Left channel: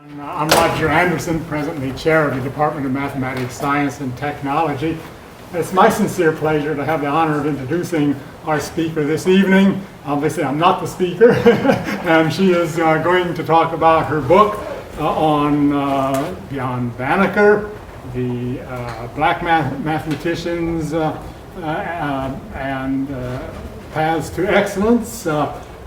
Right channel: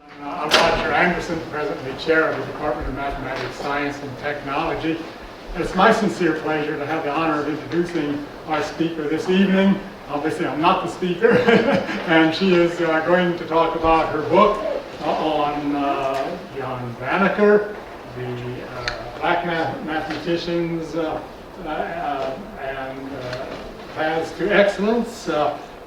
I'm Roger Anderson, presently chair of the Department of Mathematics, Science, and Technology. It's my sincere pleasure to have the honor of introducing our speaker this evening. Obviously, I'm not the speaker, and she is going to talk about her book on Banneker, the black mathematicians and paths to excellence,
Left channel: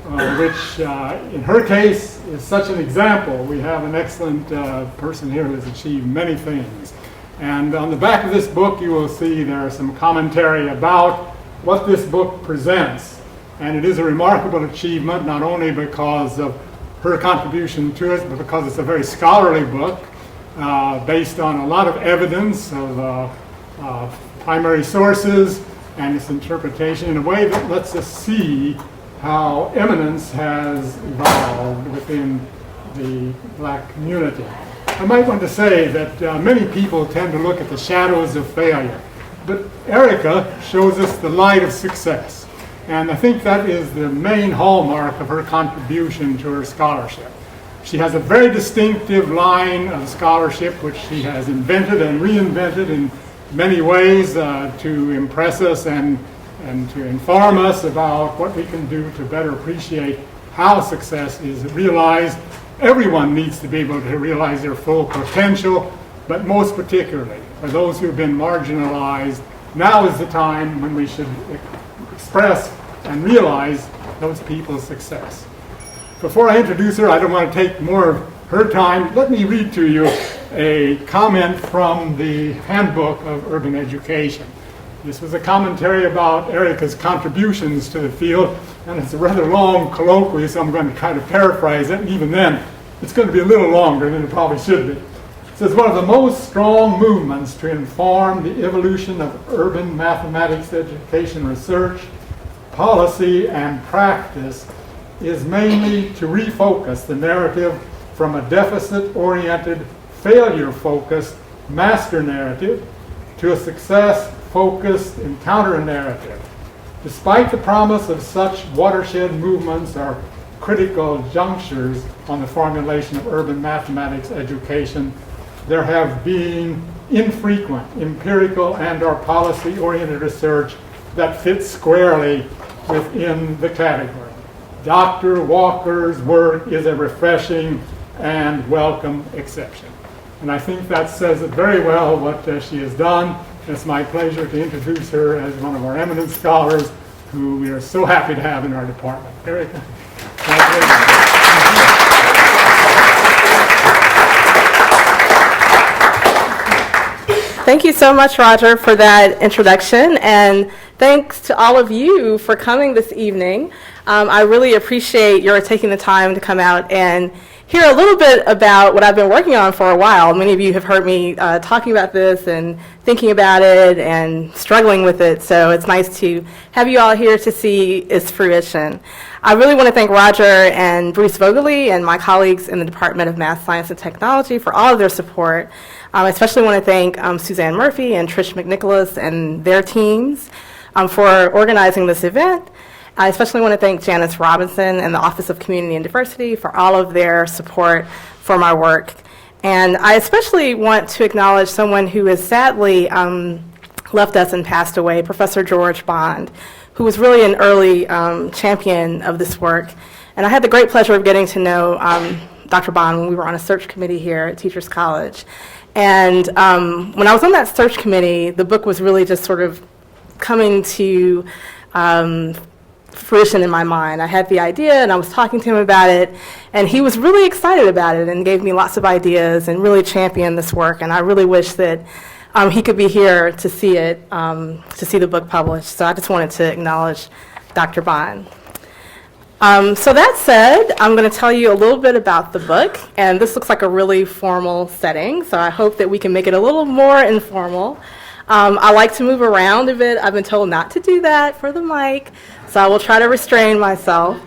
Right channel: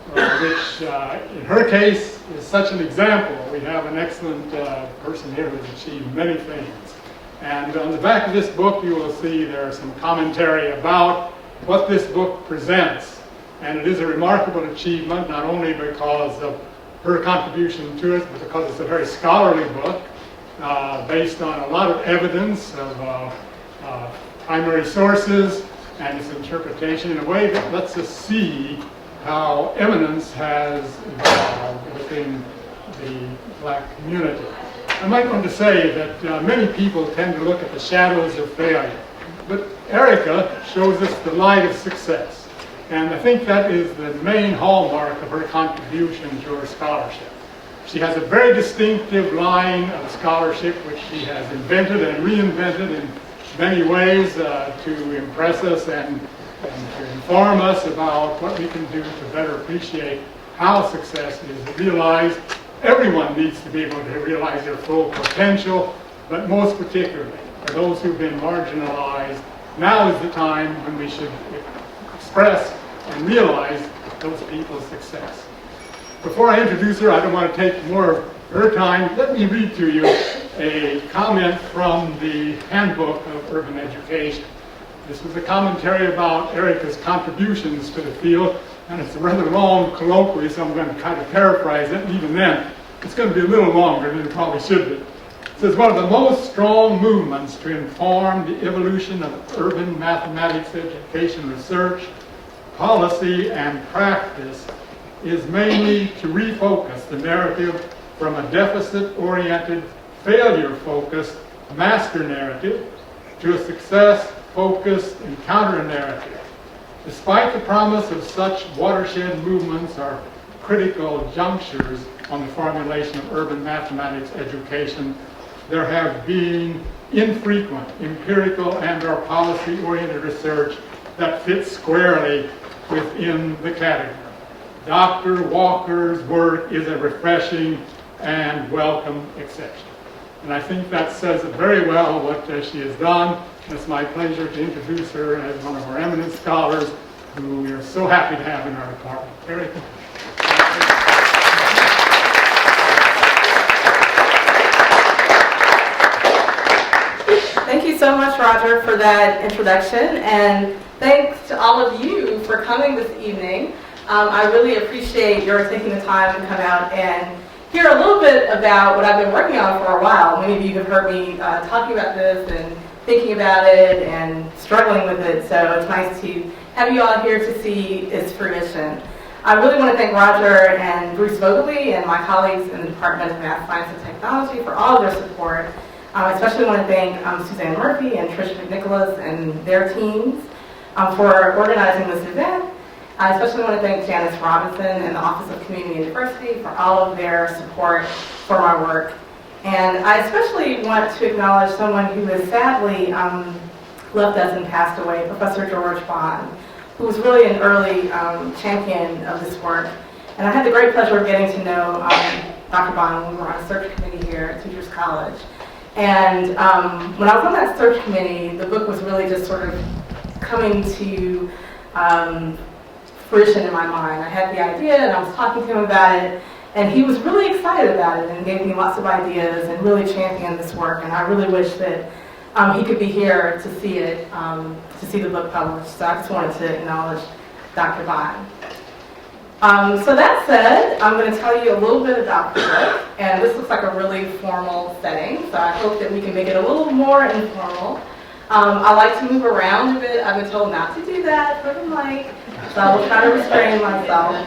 which in her case is such an example. We have an excellent person here who has achieved many things. And on the back of this book you will see there are some commentary about what this book presents. And it is a remarkable achievement, not only because of her contribution to it, but because it's a very scholarly book based on a lot of evidence of primary sources and its interpretation in a way that lets us see how eminence has evolved within the black community. I might want to say that many people tend to look at the shadows of failure, but Erica shows us the light of success. And I think that is the main hallmark of her contribution to her scholarship. She has a very distinctive line of scholarship which she has invented and reinvented in many ways to impress us and to inform us about what we can do to better appreciate how success is realized. Everyone needs to be able to realize their full potential, but most particularly for those who've been marginalized, now is the time when we should express and realize those people's success. Before I introduce her, I don't want to take more of her time. Let me read to you a comment from the Handbook of Urban Education. This was a commentary about Erica's contributions to the field, and it's a rather long colloquy, so I'm going to try to paraphrase it, and even then, it's going to be a little longer than it probably should be. It says, one of the most strong movements to inform the evolution of urban mathematics education research, policy, and practice is mainly to refocus the narrative from a deficit-oriented, failure-focused master narrative to a success-focused encounter narrative. Despite the promise of such watershed movements or critical junctures on the formulation of urban mathematics education, there have been infrequent empirical and/or policy-oriented research that fits squarely within the category. Dr. Walker's work is a refreshing and welcome exception. And I think that says it very well what she has done. It's my pleasure to introduce her as one of our eminent scholars who we are so happy to have in our department. Erica. Thank you so much, Roger, for that introduction, and thanks to all of you for coming this evening. I really appreciate your taking the time to come out and hear a little bit about what I've been working on for a while. Many of you have heard me talking about this and thinking about it and struggling with it, so it's nice to have you all here to see its fruition. I really want to thank Roger and Bruce Vogeley and my colleagues in the Department of Math, Science, and Technology for all of their support. I especially want to thank Suzanne Murphy and Trish McNicholas and their teams for organizing this event. I especially want to thank Janice Robinson and the Office of Community and Diversity for all of their support for my work. And I especially want to acknowledge someone who has sadly left us and passed away, Professor George Bond, who was really an early champion of this work. And I had the great pleasure of getting to know Dr. Bond when we were on a search committee here at Teachers College. And when I was on that search committee, the book was really just sort of coming to fruition in my mind. I had the idea and I was talking to him about it, and he was really excited about it and gave me lots of ideas and really championed this work. And I really wish that he could be here to see it, to see the book published. So I just wanted to acknowledge Dr. Bond. So that said, I'm going to tell you a little bit about the book, and this looks like a really formal setting, so I hope that we can make it a little more informal. I like to move around a bit. I've been told not to do that for the mic, so I will try to restrain myself.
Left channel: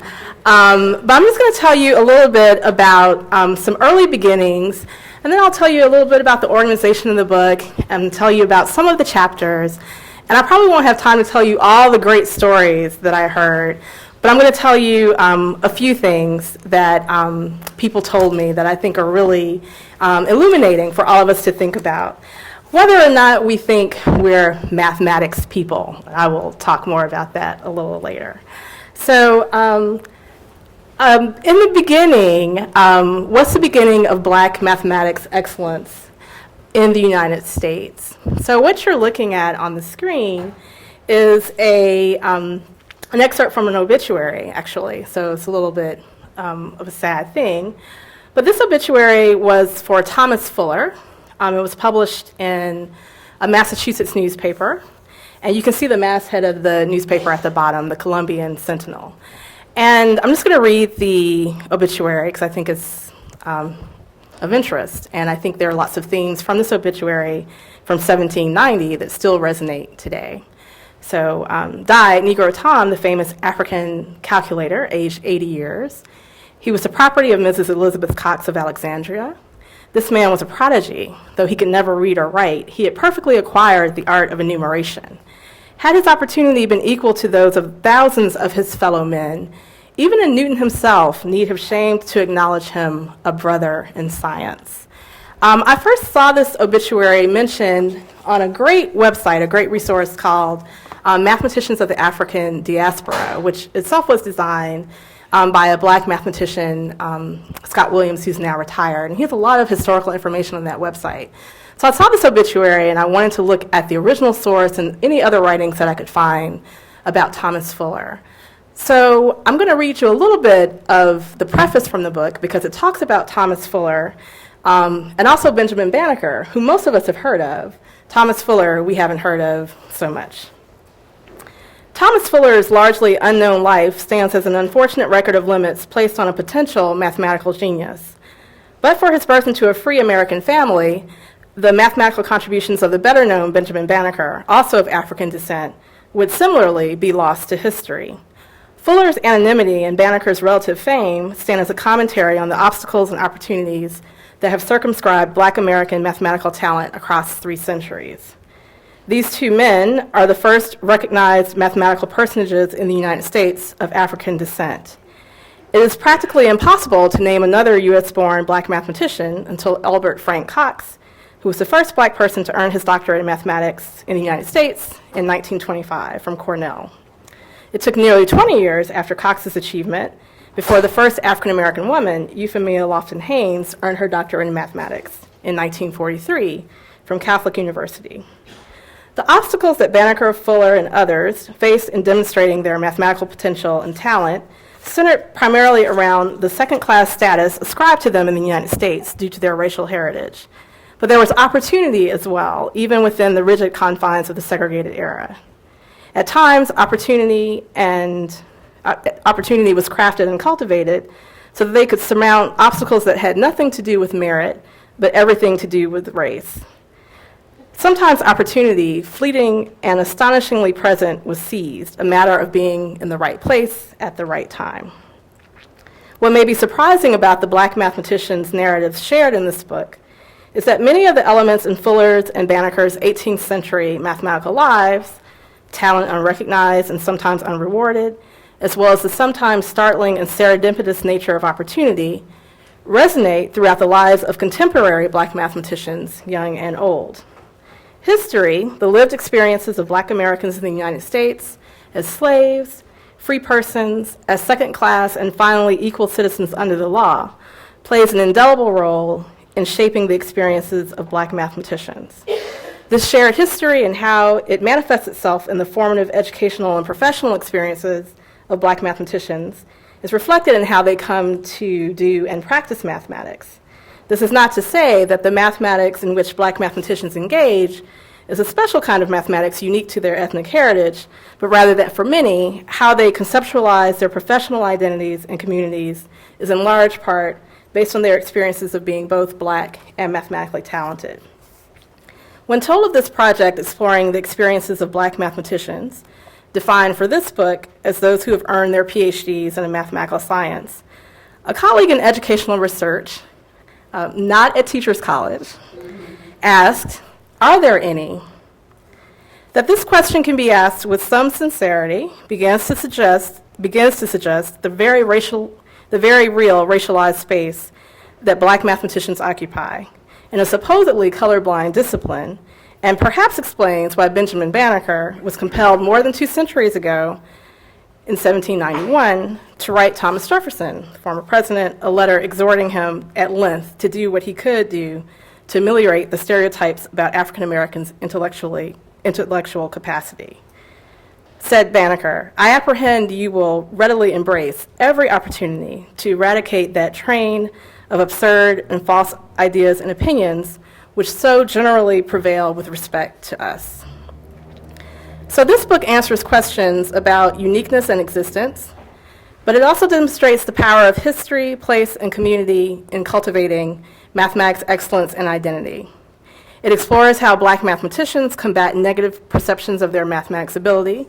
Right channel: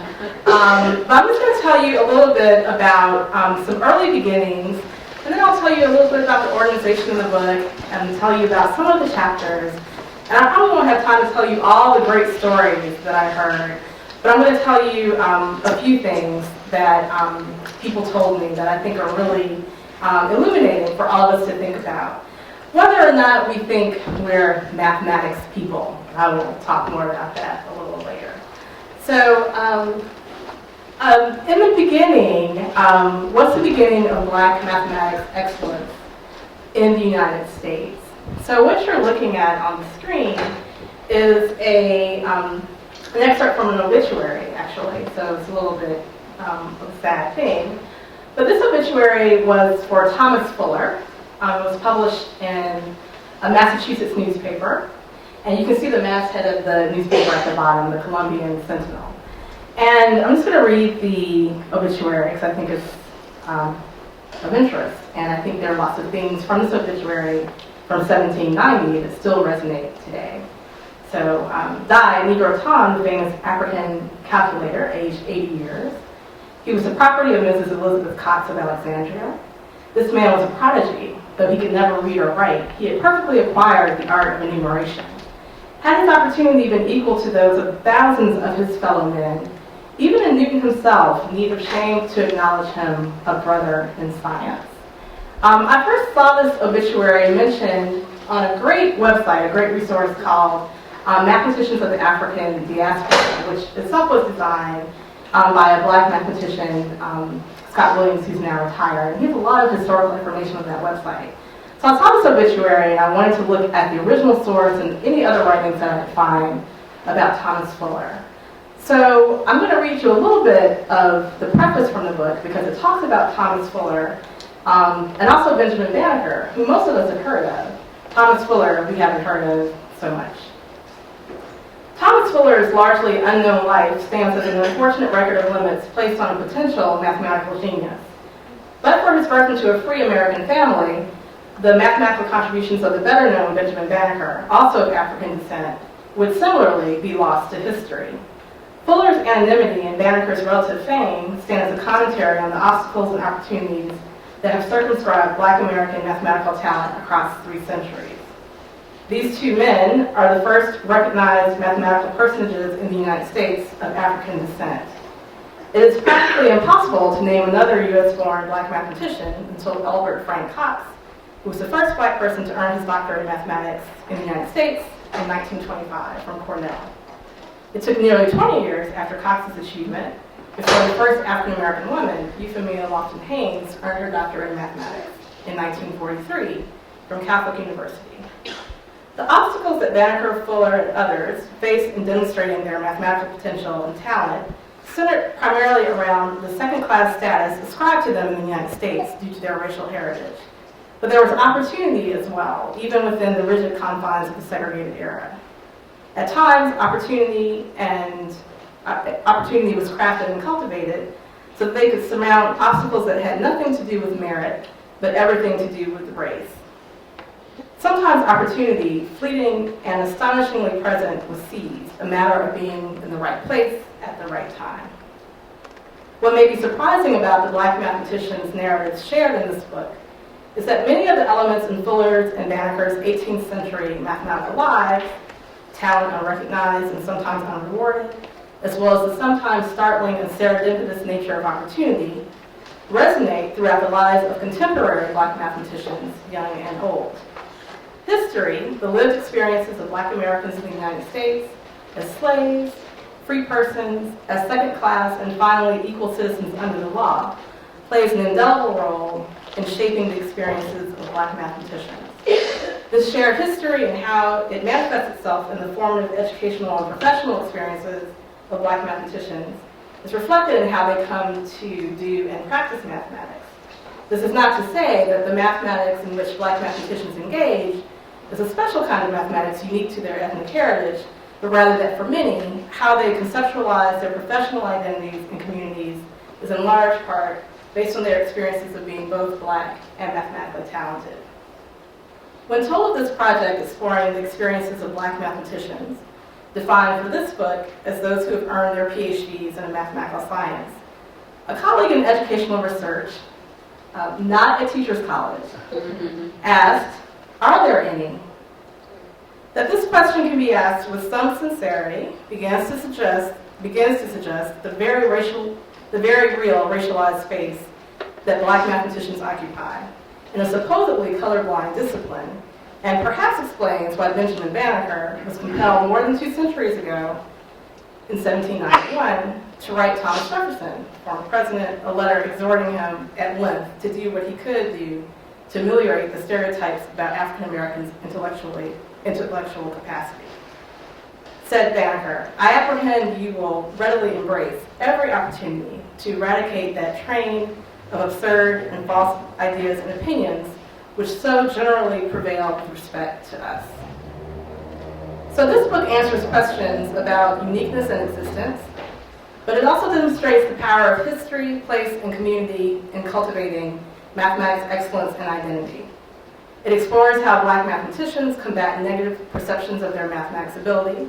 But I'm just going to tell you a little bit about some early beginnings, and then I'll tell you a little bit about the organization of the book and tell you about some of the chapters. And I probably won't have time to tell you all the great stories that I heard, But I'm going to tell you a few things that people told me that I think are really illuminating for all of us to think about. Whether or not we think we're mathematics people, I will talk more about that a little later. So in the beginning, what's the beginning of Black mathematics excellence in the United States? So what you're looking at on the screen is an excerpt from an obituary, actually. So it's a little bit of a sad thing. But this obituary was for Thomas Fuller. It was published in a Massachusetts newspaper. And you can see the masthead of the newspaper at the bottom, the Columbian Sentinel. And I'm just going to read the obituary because I think it's of interest. And I think there are lots of things from this obituary from 1790 that still resonate today. So, died Negro Tom, the famous African calculator, aged 80 years. He was the property of Mrs. Elizabeth Cox of Alexandria. This man was a prodigy. Though he could never read or write, he had perfectly acquired the art of enumeration. Had his opportunity been equal to those of thousands of his fellow men, even a Newton himself need have shamed to acknowledge him a brother in science. I first saw this obituary mentioned on a great website, a great resource called Mathematicians of the African Diaspora, which itself was designed by a Black mathematician, Scott Williams, who's now retired. And he has a lot of historical information on that website. So I saw this obituary and I wanted to look at the original source and any other writings that I could find about Thomas Fuller. So I'm going to read you a little bit of the preface from the book because it talks about Thomas Fuller and also Benjamin Banneker, who most of us have heard of. Thomas Fuller we haven't heard of so much. Thomas Fuller's largely unknown life stands as an unfortunate record of limits placed on a potential mathematical genius. But for his birth into a free American family, the mathematical contributions of the better-known Benjamin Banneker, also of African descent, would similarly be lost to history. Fuller's anonymity and Banneker's relative fame stand as a commentary on the obstacles and opportunities that have circumscribed Black American mathematical talent across 3 centuries. These 2 men are the first recognized mathematical personages in the United States of African descent. It is practically impossible to name another U.S.-born Black mathematician until Albert Frank Cox, who was the first Black person to earn his doctorate in mathematics in the United States in 1925 from Cornell. It took nearly 20 years after Cox's achievement before the first African-American woman, Euphemia Lofton-Haynes, earned her doctorate in mathematics in 1943 from Catholic University. The obstacles that Banneker, Fuller, and others faced in demonstrating their mathematical potential and talent centered primarily around the second-class status ascribed to them in the United States due to their racial heritage. But there was opportunity as well, even within the rigid confines of the segregated era. At times, opportunity was crafted and cultivated so that they could surmount obstacles that had nothing to do with merit, but everything to do with race. Sometimes opportunity, fleeting and astonishingly present, was seized, a matter of being in the right place at the right time. What may be surprising about the Black mathematicians' narratives shared in this book is that many of the elements in Fuller's and Banneker's 18th century mathematical lives, talent unrecognized and sometimes unrewarded, as well as the sometimes startling and serendipitous nature of opportunity, resonate throughout the lives of contemporary Black mathematicians, young and old. History, the lived experiences of Black Americans in the United States as slaves, free persons, as second class, and finally equal citizens under the law, plays an indelible role in shaping the experiences of Black mathematicians. This shared history and how it manifests itself in the formative educational and professional experiences of Black mathematicians is reflected in how they come to do and practice mathematics. This is not to say that the mathematics in which Black mathematicians engage is a special kind of mathematics unique to their ethnic heritage, but rather that for many, how they conceptualize their professional identities and communities is in large part based on their experiences of being both Black and mathematically talented. When told of this project exploring the experiences of Black mathematicians, defined for this book as those who have earned their PhDs in a mathematical science, a colleague in educational research, not at Teachers College, asked, "Are there any?" That this question can be asked with some sincerity begins to suggest begins to suggest the very real racialized space that black mathematicians occupy in a supposedly colorblind discipline, and perhaps explains why Benjamin Banneker was compelled more than 2 centuries ago in 1791 to write Thomas Jefferson, former president, a letter exhorting him at length to do what he could do to ameliorate the stereotypes about African Americans' intellectual capacity. Said Banneker, "I apprehend you will readily embrace every opportunity to eradicate that train of absurd and false ideas and opinions which so generally prevail with respect to us." So this book answers questions about uniqueness and existence, but it also demonstrates the power of history, place, and community in cultivating mathematics excellence and identity. It explores how black mathematicians combat negative perceptions of their mathematics ability,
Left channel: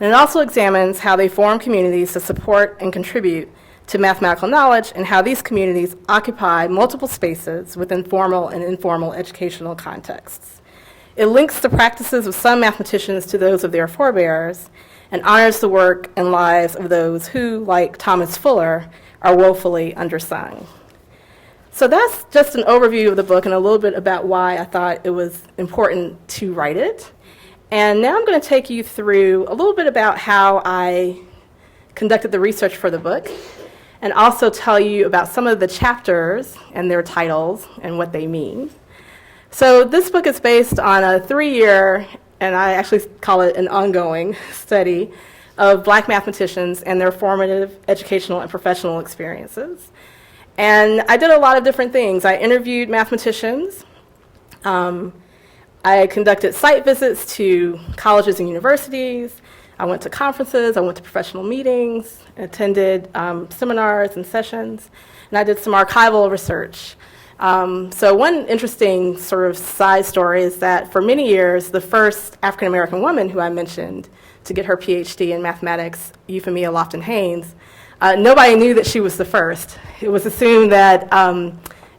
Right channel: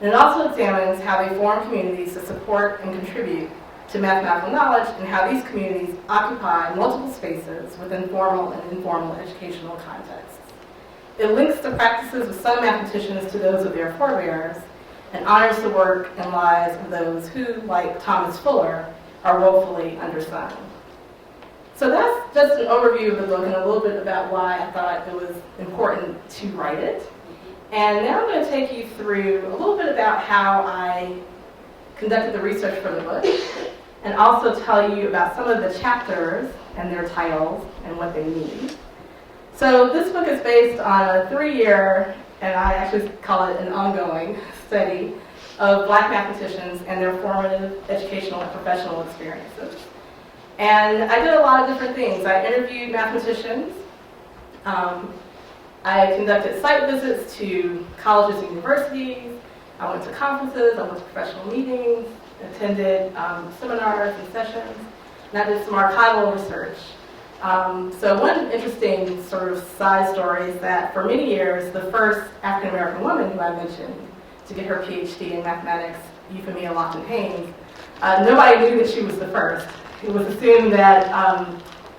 and it also examines how they form communities to support and contribute to mathematical knowledge and how these communities occupy multiple spaces within formal and informal educational contexts. It links the practices of some mathematicians to those of their forebears and honors the work and lives of those who, like Thomas Fuller, are woefully undersung. So that's just an overview of the book and a little bit about why I thought it was important to write it. And now I'm going to take you through a little bit about how I conducted the research for the book, and also tell you about some of the chapters and their titles and what they mean. So this book is based on a 3-year, and I actually call it an ongoing, study of black mathematicians and their formative educational and professional experiences. And I did a lot of different things. I interviewed mathematicians. I conducted site visits to colleges and universities. I went to conferences. I went to professional meetings, attended seminars and sessions, and I did some archival research. So one interesting sort of side story is that for many years, the first African-American woman who I mentioned to get her PhD in mathematics, Euphemia Lofton-Haynes, nobody knew that she was the first. It was assumed that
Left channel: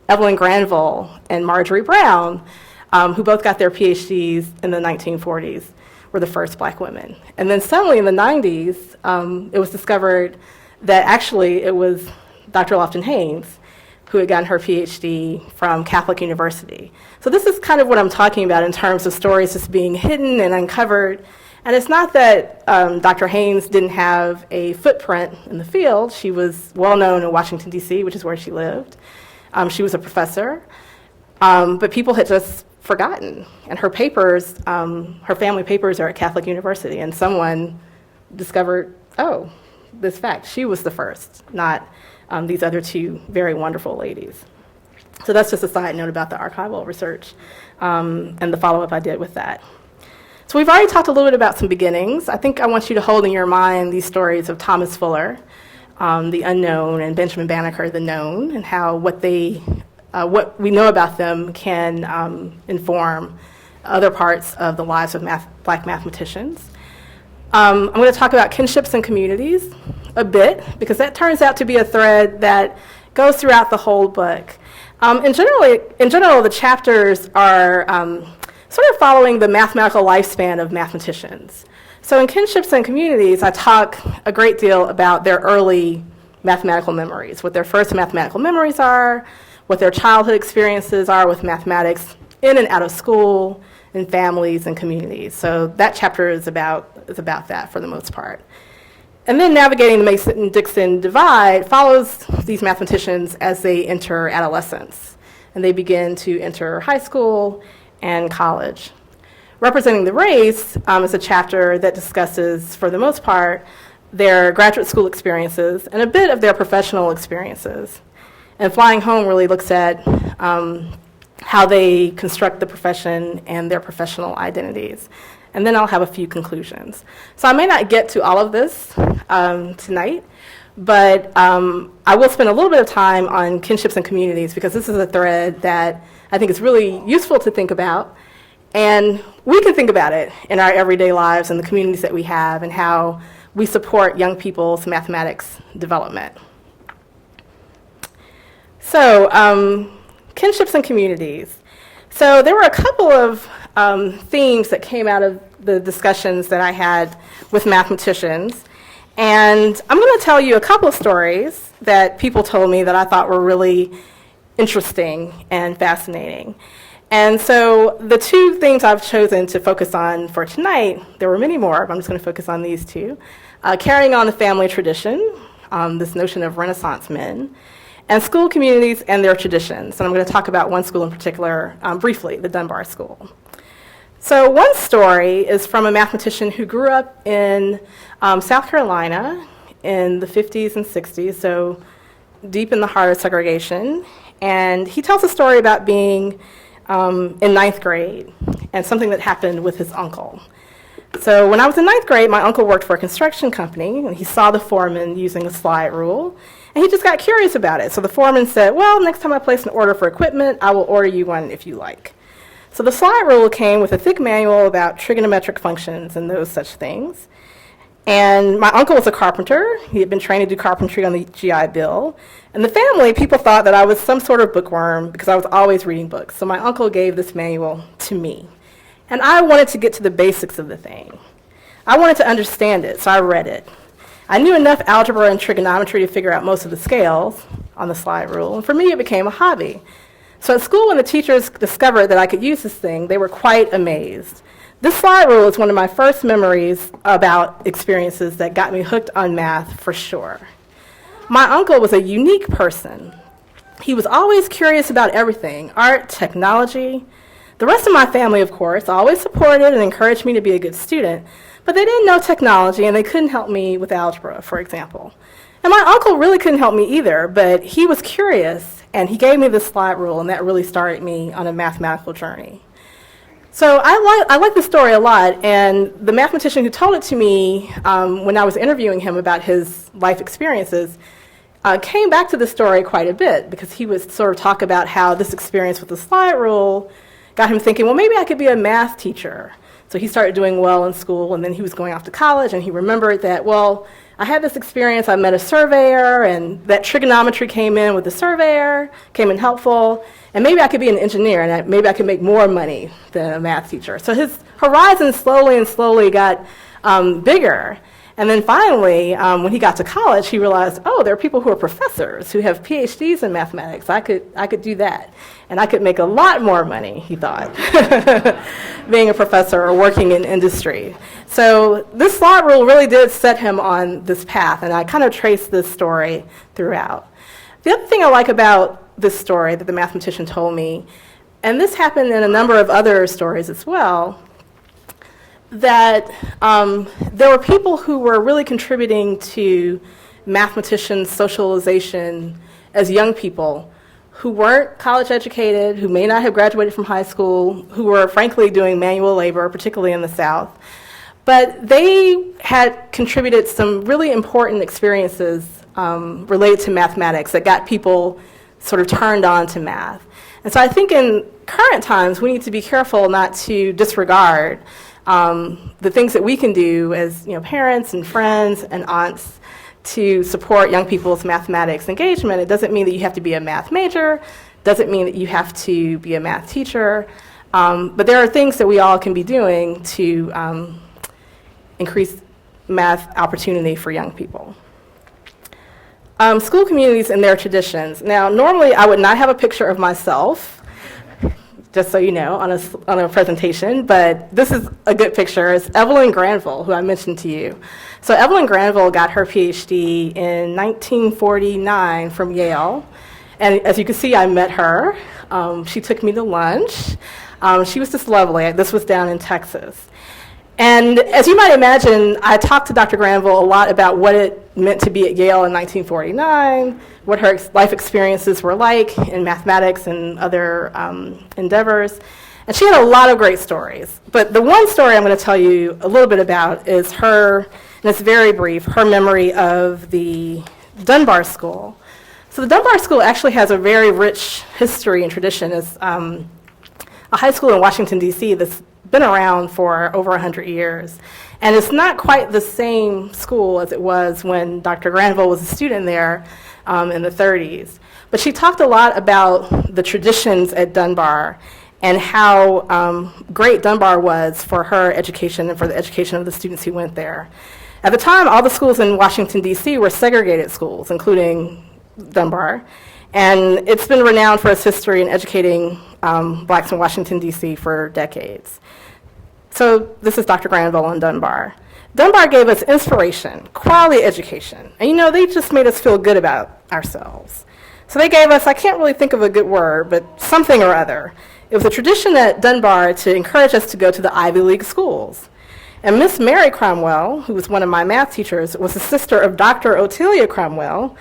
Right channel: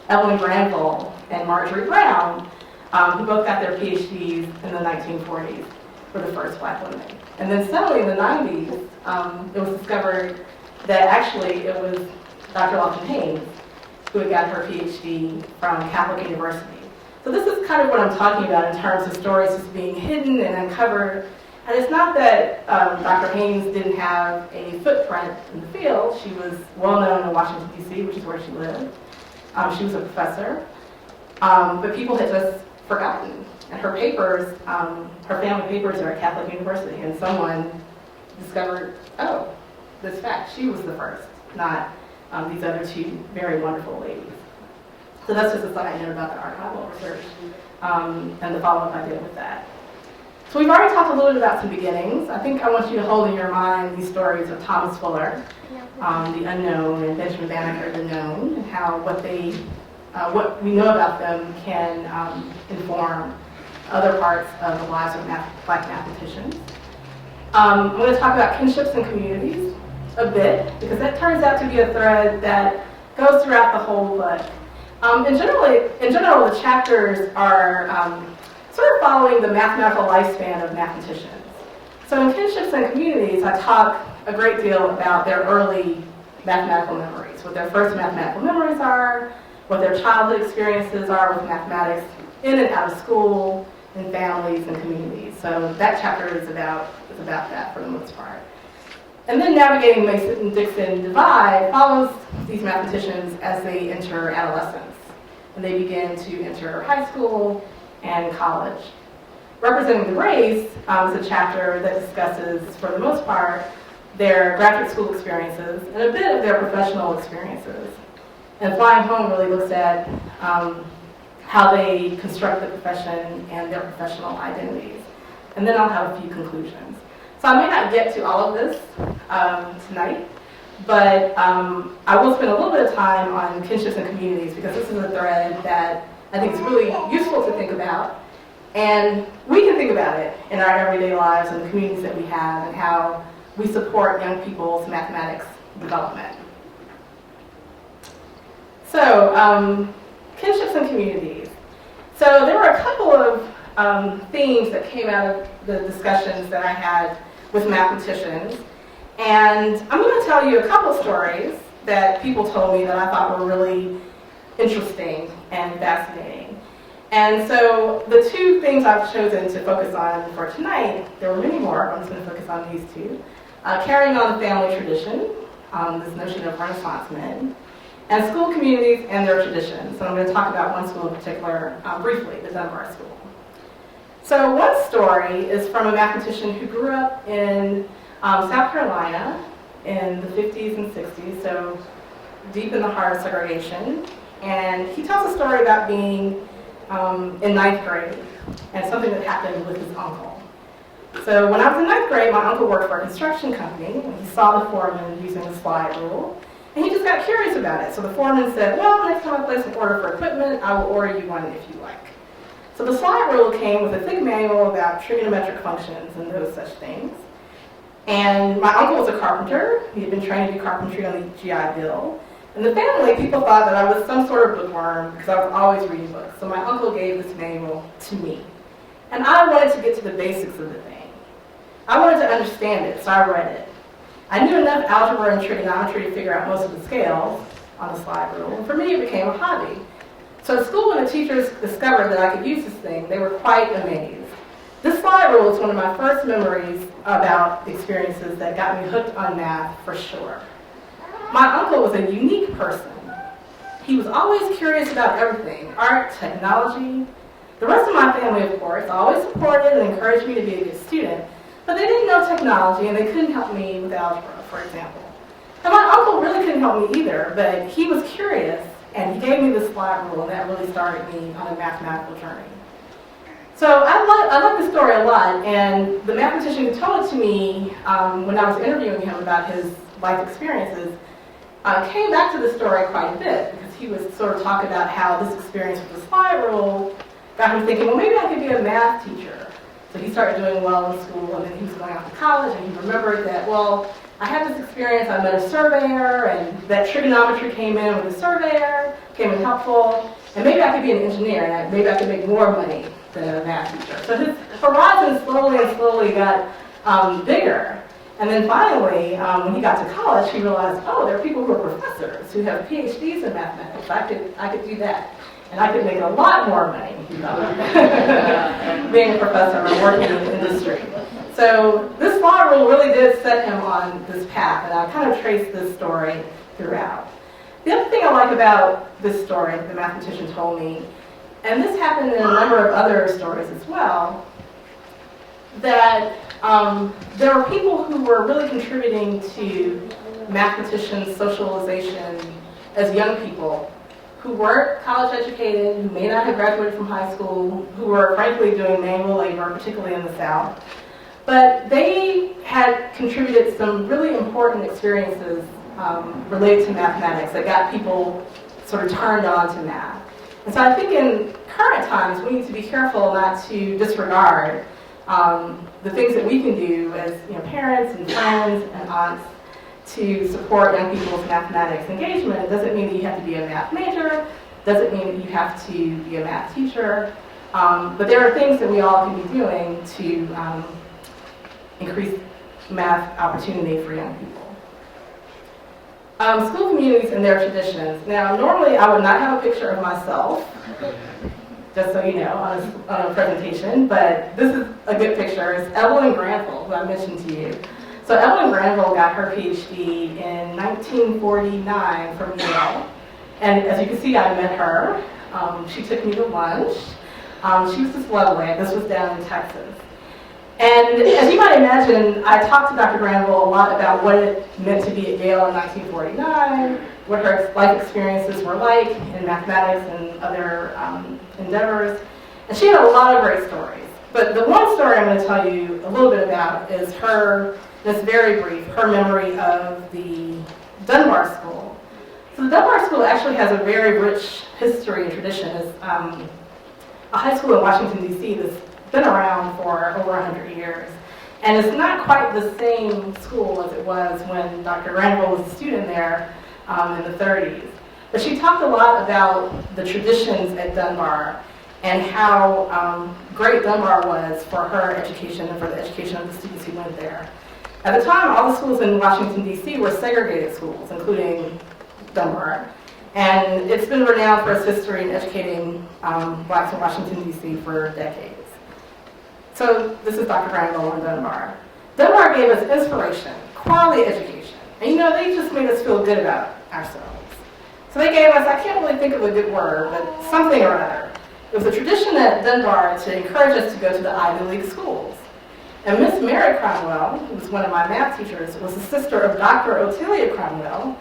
Evelyn Granville and Marjorie Brown, who both got their PhDs in the 1940s, were the first black women. And then suddenly in the 90s, it was discovered that actually it was Dr. Lofton-Haynes who had gotten her PhD from Catholic University. So this is kind of what I'm talking about in terms of stories just being hidden and uncovered. And it's not that Dr. Haynes didn't have a footprint in the field. She was well known in Washington, D.C., which is where she lived. She was a professor, but people had just forgotten. And her papers, her family papers are at Catholic University, and someone discovered, oh, this fact, she was the first, not these other 2 very wonderful ladies. So that's just a side note about the archival research and the follow-up I did with that. So we've already talked a little bit about some beginnings. I think I want you to hold in your mind these stories of Thomas Fuller, the unknown, and Benjamin Banneker, the known, and how what we know about them can inform other parts of the lives of black mathematicians. I'm going to talk about kinships and communities a bit, because that turns out to be a thread that goes throughout the whole book. In general, the chapters are sort of following the mathematical lifespan of mathematicians. So in Kinships and Communities, I talk a great deal about their early mathematical memories, what their first mathematical memories are, what their childhood experiences are with mathematics in and out of school, in families and communities. So that chapter is about that for the most part. And then navigating the Mason-Dixon divide follows these mathematicians as they enter adolescence, and they begin to enter high school and college. Representing the Race is a chapter that discusses, for the most part, their graduate school experiences and a bit of their professional experiences. And Flying Home really looks at how they construct the profession and their professional identities. And then I'll have a few conclusions. So I may not get to all of this tonight, but I will spend a little bit of time on kinships and communities, because this is a thread that I think is really useful to think about. And we can think about it in our everyday lives and the communities that we have, and how we support young people's mathematics development. So, kinships and communities. So there were a couple of themes that came out of the discussions that I had with mathematicians. And I'm going to tell you a couple of stories that people told me that I thought were really interesting and fascinating. And so the two things I've chosen to focus on for tonight, there were many more, but I'm just going to focus on these two. Carrying on the family tradition, this notion of Renaissance men, and school communities and their traditions. And I'm going to talk about one school in particular briefly, the Dunbar School. So one story is from a mathematician who grew up in South Carolina in the 50s and 60s, so deep in the heart of segregation. And he tells a story about being in ninth grade and something that happened with his uncle. So when I was in ninth grade, my uncle worked for a construction company, and he saw the foreman using a slide rule, and he just got curious about it. So the foreman said, well, next time I place an order for equipment, I will order you one if you like. So the slide rule came with a thick manual about trigonometric functions and those such things. And my uncle was a carpenter. He had been trained to do carpentry on the GI Bill. And the family, people thought that I was some sort of bookworm because I was always reading books. So my uncle gave this manual to me. And I wanted to get to the basics of the thing. I wanted to understand it, so I read it. I knew enough algebra and trigonometry to figure out most of the scales on the slide rule. And for me, it became a hobby. So at school, when the teachers discovered that I could use this thing, they were quite amazed. This slide rule is one of my first memories about experiences that got me hooked on math for sure. My uncle was a unique person. He was always curious about everything, art, technology. The rest of my family, of course, always supported and encouraged me to be a good student, but they didn't know technology and they couldn't help me with algebra, for example. And my uncle really couldn't help me either, but he was curious and he gave me this slide rule, and that really started me on a mathematical journey. So I like this story a lot, and the mathematician who told it to me when I was interviewing him about his life experiences came back to the story quite a bit, because he would sort of talk about how this experience with the slide rule got him thinking, well, maybe I could be a math teacher. So he started doing well in school, and then he was going off to college, and he remembered that, well, I had this experience, I met a surveyor, and that trigonometry came in with the surveyor, came in helpful, and maybe I could be an engineer, and maybe I could make more money than a math teacher. So his horizon slowly got bigger. And then finally, when he got to college, he realized, oh, there are people who are professors who have PhDs in mathematics. I could do that. And I could make a lot more money, he thought, being a professor or working in industry. So this slide rule really did set him on this path, and I kind of traced this story throughout. The other thing I like about this story that the mathematician told me, and this happened in a number of other stories as well, that there were people who were really contributing to mathematicians' socialization as young people who weren't college educated, who may not have graduated from high school, who were frankly doing manual labor, particularly in the South. But they had contributed some really important experiences related to mathematics that got people sort of turned on to math. And so I think in current times, we need to be careful not to disregard the things that we can do as parents and friends and aunts to support young people's mathematics engagement. It doesn't mean that you have to be a math major, doesn't mean that you have to be a math teacher, but there are things that we all can be doing to increase math opportunity for young people. School communities and their traditions. Now, normally I would not have a picture of myself, just so you know, on a presentation, but this is a good picture. It's Evelyn Granville, who I mentioned to you. So Evelyn Granville got her PhD in 1949 from Yale, and as you can see, I met her. She took me to lunch. She was just lovely. This was down in Texas. And as you might imagine, I talked to Dr. Granville a lot about what it meant to be at Yale in 1949, what her life experiences were like in mathematics and other endeavors. And she had a lot of great stories. But the one story I'm going to tell you a little bit about is her, and it's very brief, her memory of the Dunbar School. So the Dunbar School actually has a very rich history and tradition. It's a high school in Washington, D.C. that's been around for over 100 years. And it's not quite the same school as it was when Dr. Granville was a student there in the 30s. But she talked a lot about the traditions at Dunbar and how great Dunbar was for her education and for the education of the students who went there. At the time, all the schools in Washington, D.C. were segregated schools, including Dunbar. And it's been renowned for its history in educating blacks in Washington, D.C. for decades. So this is Dr. Granville and Dunbar. Dunbar gave us inspiration, quality education. And they just made us feel good about ourselves. So they gave us, I can't really think of a good word, but something or other. It was a tradition at Dunbar to encourage us to go to the Ivy League schools. And Miss Mary Cromwell, who was one of my math teachers, was the sister of Dr. Otelia Cromwell,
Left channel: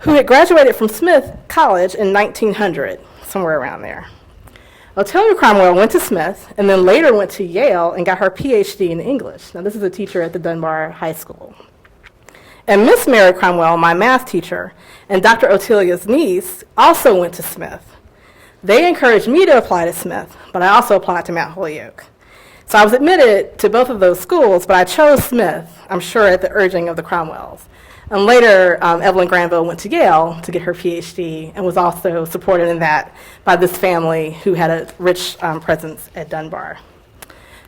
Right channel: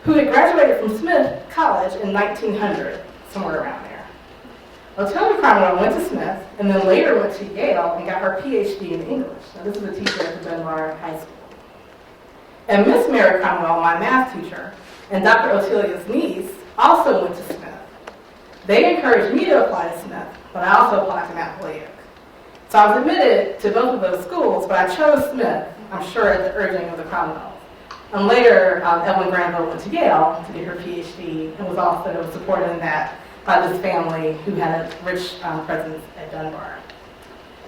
who had graduated from Smith College in 1900, somewhere around there. Otelia Cromwell went to Smith and then later went to Yale and got her PhD in English. Now, this is a teacher at the Dunbar High School. And Miss Mary Cromwell, my math teacher, and Dr. Otelia's niece also went to Smith. They encouraged me to apply to Smith, but I also applied to Mount Holyoke. So I was admitted to both of those schools, but I chose Smith, I'm sure at the urging of the Cromwells. And later, Evelyn Granville went to Yale to get her PhD and was also supported in that by this family who had a rich presence at Dunbar.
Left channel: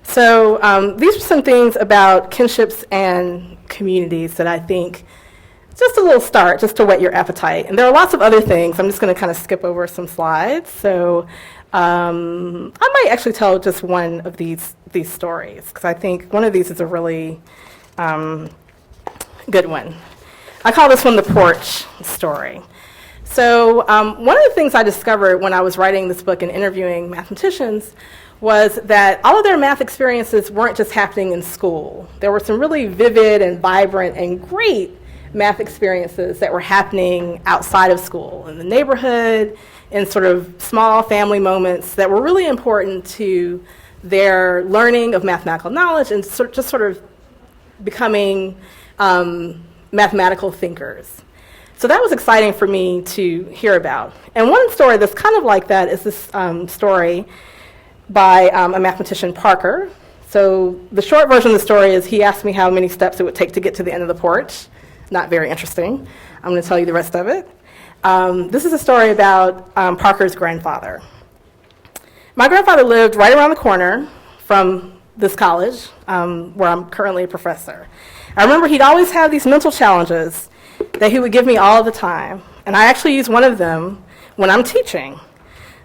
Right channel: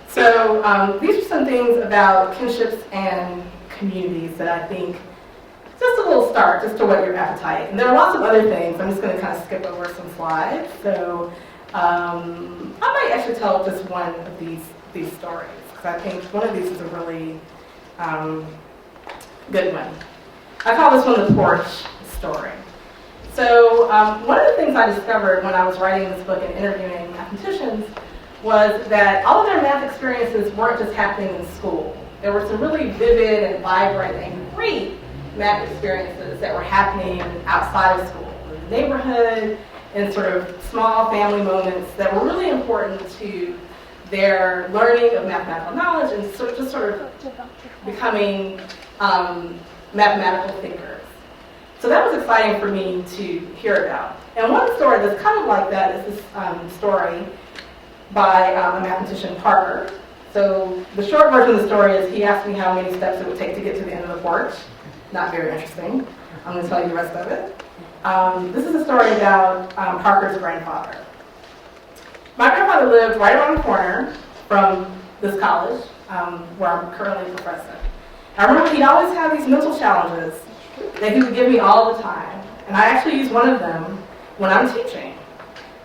So these are some things about kinships and communities that I think, just a little start, just to whet your appetite. And there are lots of other things. I'm just going to kind of skip over some slides. So I might actually tell just one of these stories, because I think one of these is a really good one. I call this one the porch story. So one of the things I discovered when I was writing this book and interviewing mathematicians was that all of their math experiences weren't just happening in school. There were some really vivid and vibrant and great math experiences that were happening outside of school, in the neighborhood, in sort of small family moments that were really important to their learning of mathematical knowledge and just sort of becoming mathematical thinkers. So that was exciting for me to hear about. And one story that's kind of like that is this story by a mathematician, Parker. So the short version of the story is he asked me how many steps it would take to get to the end of the porch. Not very interesting. I'm going to tell you the rest of it. This is a story about Parker's grandfather. My grandfather lived right around the corner from this college, where I'm currently a professor. I remember he'd always have these mental challenges that he would give me all the time, and I actually use one of them when I'm teaching.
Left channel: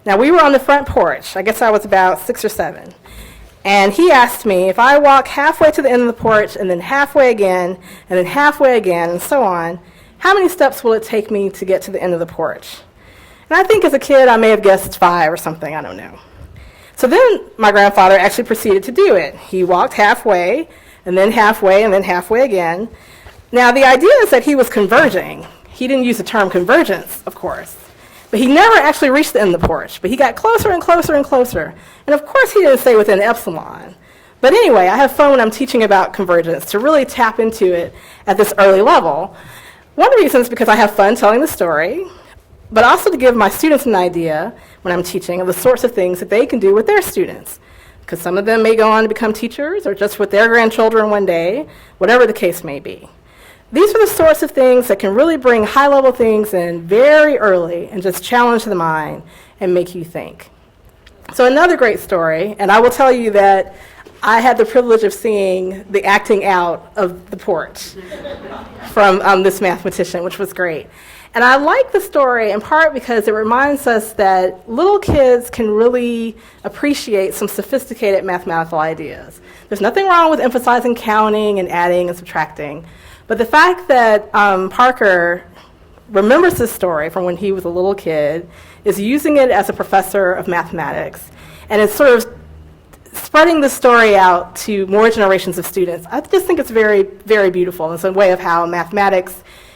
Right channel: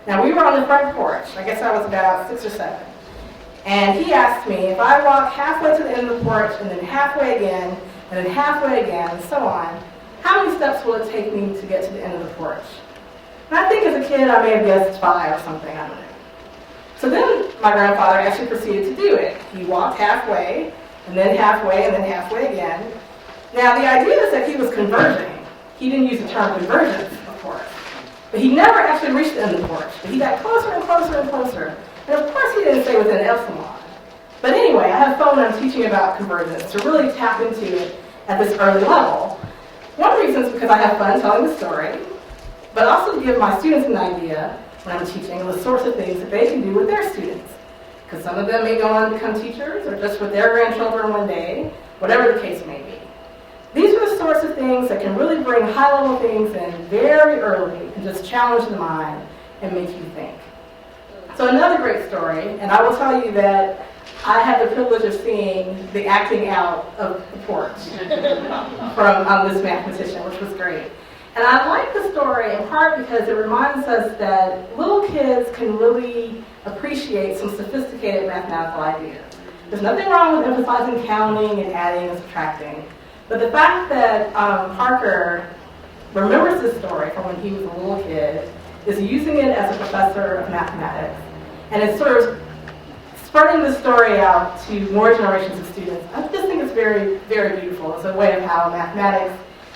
Now, we were on the front porch. I guess I was about 6 or 7. And he asked me if I walk halfway to the end of the porch and then halfway again and then halfway again and so on, how many steps will it take me to get to the end of the porch? And I think as a kid I may have guessed 5 or something, I don't know. So then my grandfather actually proceeded to do it. He walked halfway and then halfway and then halfway again. Now the idea is that he was converging. He didn't use the term convergence, of course. But he never actually reached the end of the porch. But he got closer and closer and closer. And of course he didn't stay within epsilon. But anyway, I have fun when I'm teaching about convergence to really tap into it at this early level. One reason is because I have fun telling the story, but also to give my students an idea when I'm teaching of the sorts of things that they can do with their students. Because some of them may go on to become teachers or just with their grandchildren one day, whatever the case may be. These are the sorts of things that can really bring high-level things in very early and just challenge the mind and make you think. So another great story, and I will tell you that I had the privilege of seeing the acting out of the porch from this mathematician, which was great. And I like the story in part because it reminds us that little kids can really appreciate some sophisticated mathematical ideas. There's nothing wrong with emphasizing counting and adding and subtracting. But the fact that Parker remembers this story from when he was a little kid, is using it as a professor of mathematics, and is sort of spreading the story out to more generations of students. I just think it's very, very beautiful. It's a way of how mathematics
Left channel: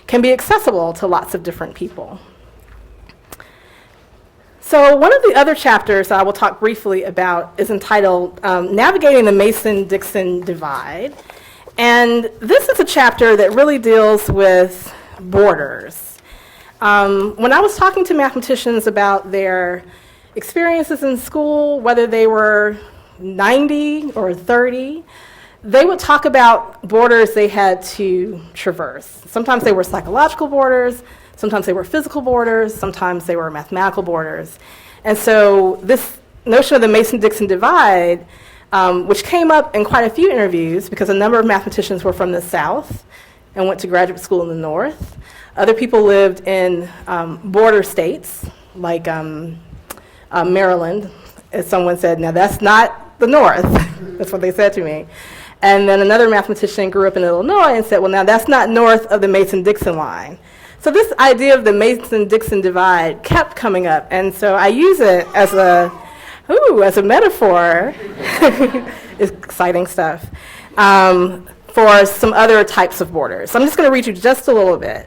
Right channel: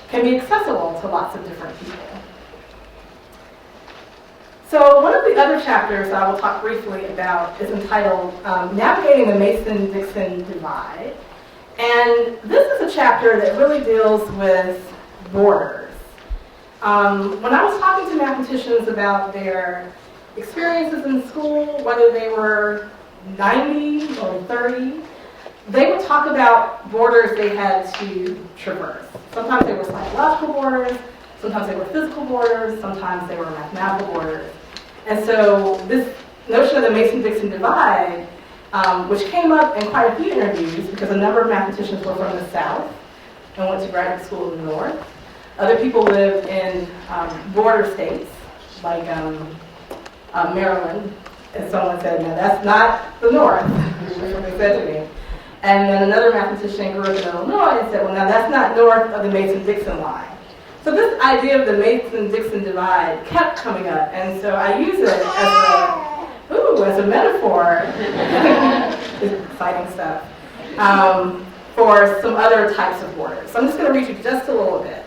can be accessible to lots of different people. So one of the other chapters I will talk briefly about is entitled Navigating the Mason-Dixon Divide. And this is a chapter that really deals with borders. When I was talking to mathematicians about their experiences in school, whether they were 90 or 30, they would talk about borders they had to traverse. Sometimes they were psychological borders, sometimes they were physical borders, sometimes they were mathematical borders. And so this notion of the Mason-Dixon divide which came up in quite a few interviews because a number of mathematicians were from the South and went to graduate school in the North. Other people lived in border states, like Maryland, as someone said, now that's not the North. That's what they said to me. And then another mathematician grew up in Illinois and said, well, now that's not north of the Mason-Dixon line. So this idea of the Mason-Dixon divide kept coming up, and so I use it as a metaphor, exciting stuff, for some other types of borders. So I'm just going to read you just a little bit,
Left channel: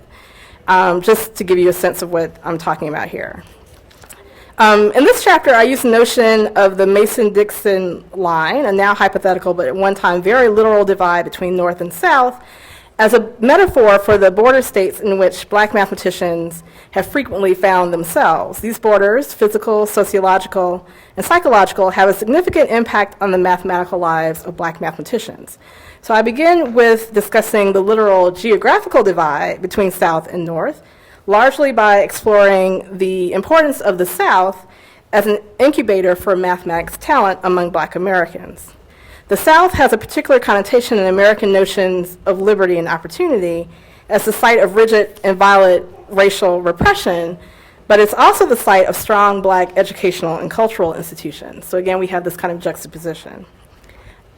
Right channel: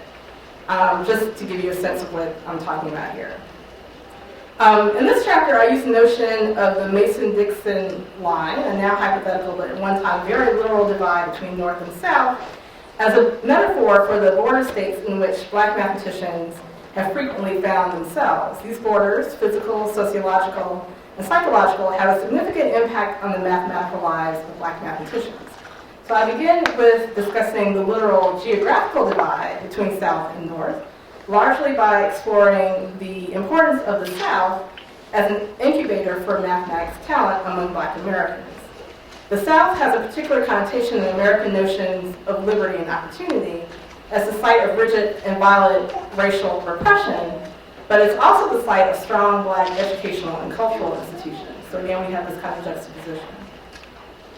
just to give you a sense of what I'm talking about here. In this chapter, I use the notion of the Mason-Dixon line, a now hypothetical but at one time very literal divide between North and South, as a metaphor for the border states in which black mathematicians have frequently found themselves. These borders, physical, sociological, and psychological, have a significant impact on the mathematical lives of black mathematicians. So I begin with discussing the literal geographical divide between South and North, largely by exploring the importance of the South as an incubator for mathematics talent among black Americans. The South has a particular connotation in American notions of liberty and opportunity as the site of rigid and violent racial repression, but it's also the site of strong black educational and cultural institutions. So again, we have this kind of juxtaposition.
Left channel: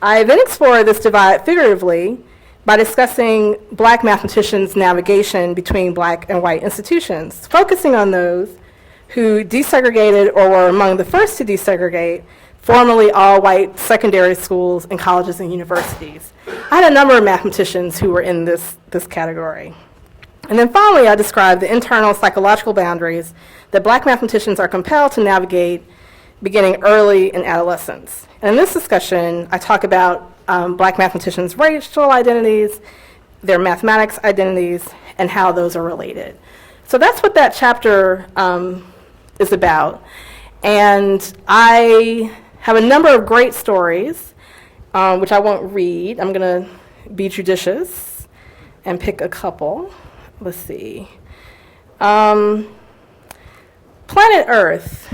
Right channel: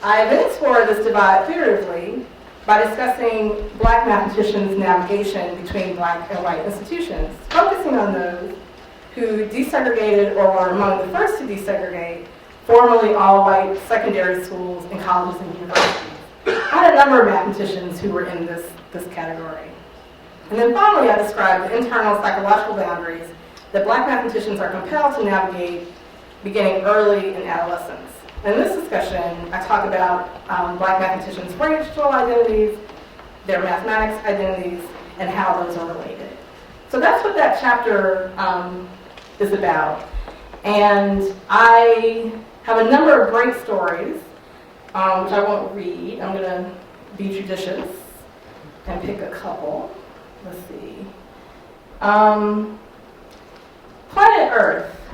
I then explore this divide figuratively by discussing black mathematicians' navigation between black and white institutions, focusing on those who desegregated or were among the first to desegregate formerly all-white secondary schools and colleges and universities. I had a number of mathematicians who were in this category. And then finally, I described the internal psychological boundaries that black mathematicians are compelled to navigate beginning early in adolescence. And in this discussion, I talk about black mathematicians' racial identities, their mathematics identities, and how those are related. So that's what that chapter is about. And I have a number of great stories, which I won't read. I'm going to be judicious and pick a couple. Let's see. Planet Earth.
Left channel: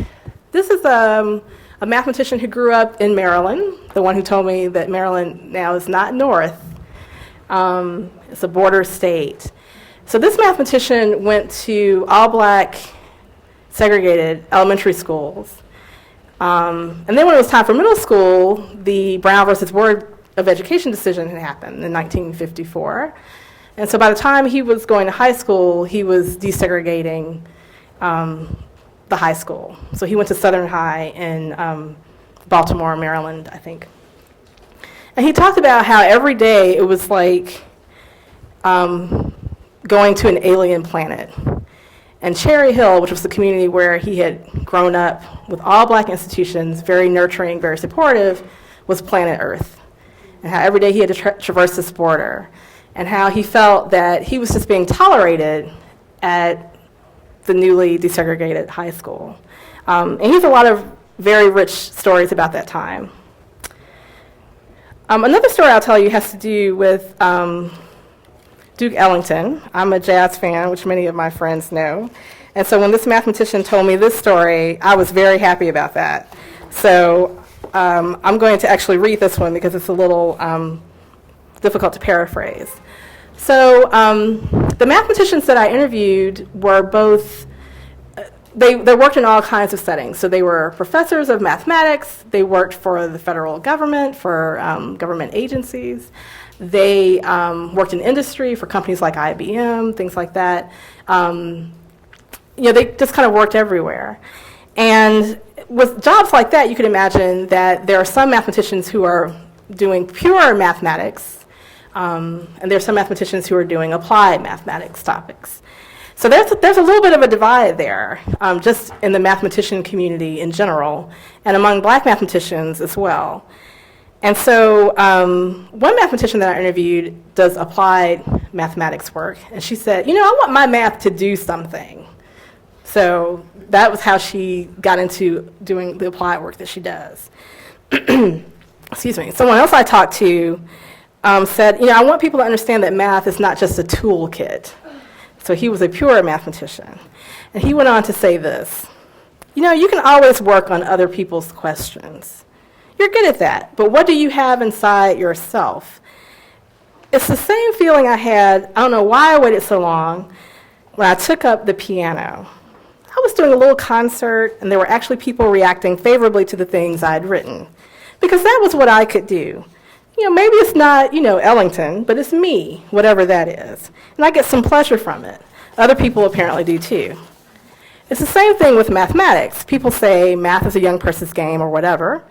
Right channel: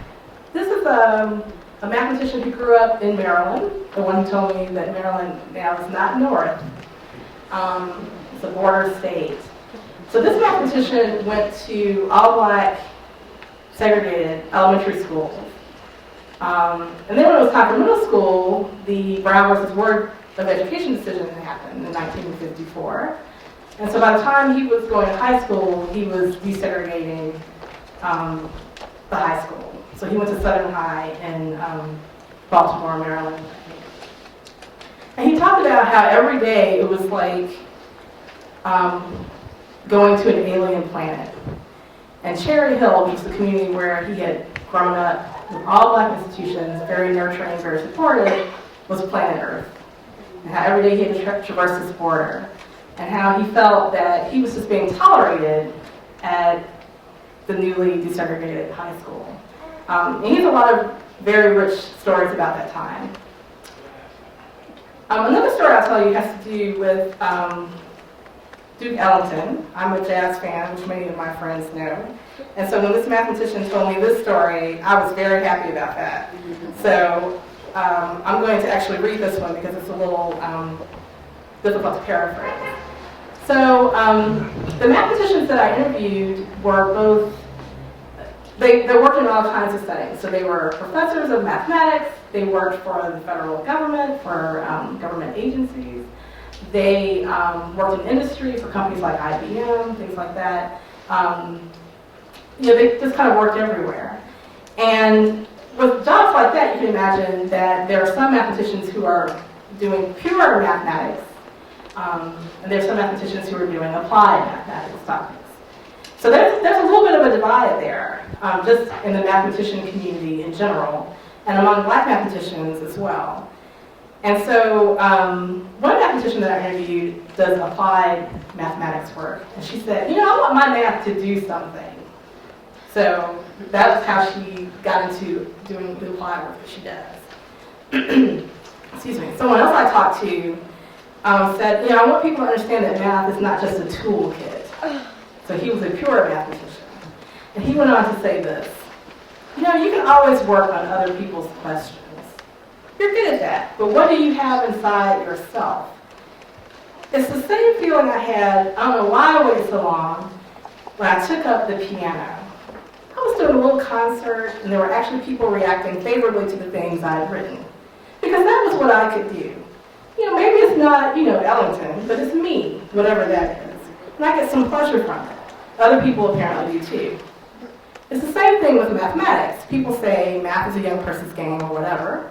This is a mathematician who grew up in Maryland, the one who told me that Maryland now is not North. It's a border state. So this mathematician went to all-black segregated elementary schools. And then when it was time for middle school, the Brown versus Board of Education decision had happened in 1954. And so by the time he was going to high school, he was desegregating the high school. So he went to Southern High in Baltimore, Maryland, I think. And he talked about how every day it was like going to an alien planet. And Cherry Hill, which was the community where he had grown up with all black institutions, very nurturing, very supportive, was planet Earth. And how every day he had to traverse this border. And how he felt that he was just being tolerated at the newly desegregated high school. And he has a lot of very rich stories about that time. Another story I'll tell you has to do with Duke Ellington. I'm a jazz fan, which many of my friends know. And so when this mathematician told me this story, I was very happy about that. So I'm going to actually read this one because it's a little difficult to paraphrase. So the mathematicians that I interviewed were both, they worked in all kinds of settings. So they were professors of mathematics, they worked for the federal government, for government agencies, they worked in industry for companies like IBM, things like that. They just kind of worked everywhere. And with jobs like that, you could imagine that there are some mathematicians who are doing pure mathematics, and there's some mathematicians who are doing applied mathematics topics. So there's a little bit of a divide there, just in the mathematician community in general, and among black mathematicians as well. And so one mathematician that I interviewed does applied mathematics work, and she said, I want my math to do something. So that was how she got into doing the applied work that she does. Excuse me. Someone else I talked to said, I want people to understand that math is not just a toolkit. So he was a pure mathematician. And he went on to say this, you can always work on other people's questions. You're good at that. But what do you have inside yourself? It's the same feeling I had, I don't know why I waited so long, when I took up the piano. I was doing a little concert, and there were actually people reacting favorably to the things I'd written, because that was what I could do. Maybe it's not, Ellington, but it's me, whatever that is. And I get some pleasure from it. Other people apparently do too. It's the same thing with mathematics. People say math is a young person's game or whatever.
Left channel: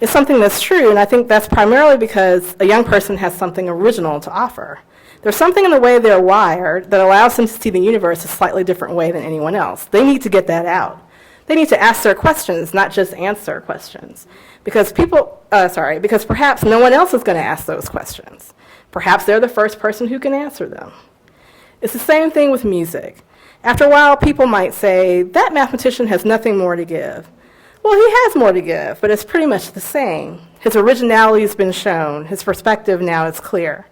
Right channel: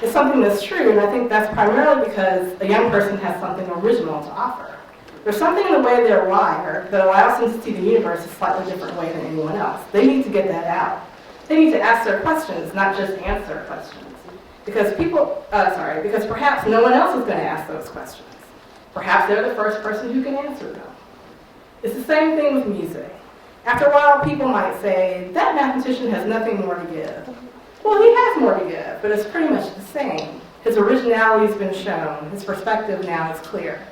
It's something that's true, and I think that's primarily because a young person has something original to offer. There's something in the way they're wired that allows them to see the universe a slightly different way than anyone else. They need to get that out. They need to ask their questions, not just answer questions. Because perhaps no one else is going to ask those questions. Perhaps they're the first person who can answer them. It's the same thing with music. After a while, people might say, that mathematician has nothing more to give. Well, he has more to give, but it's pretty much the same. His originality has been shown. His perspective now is clear.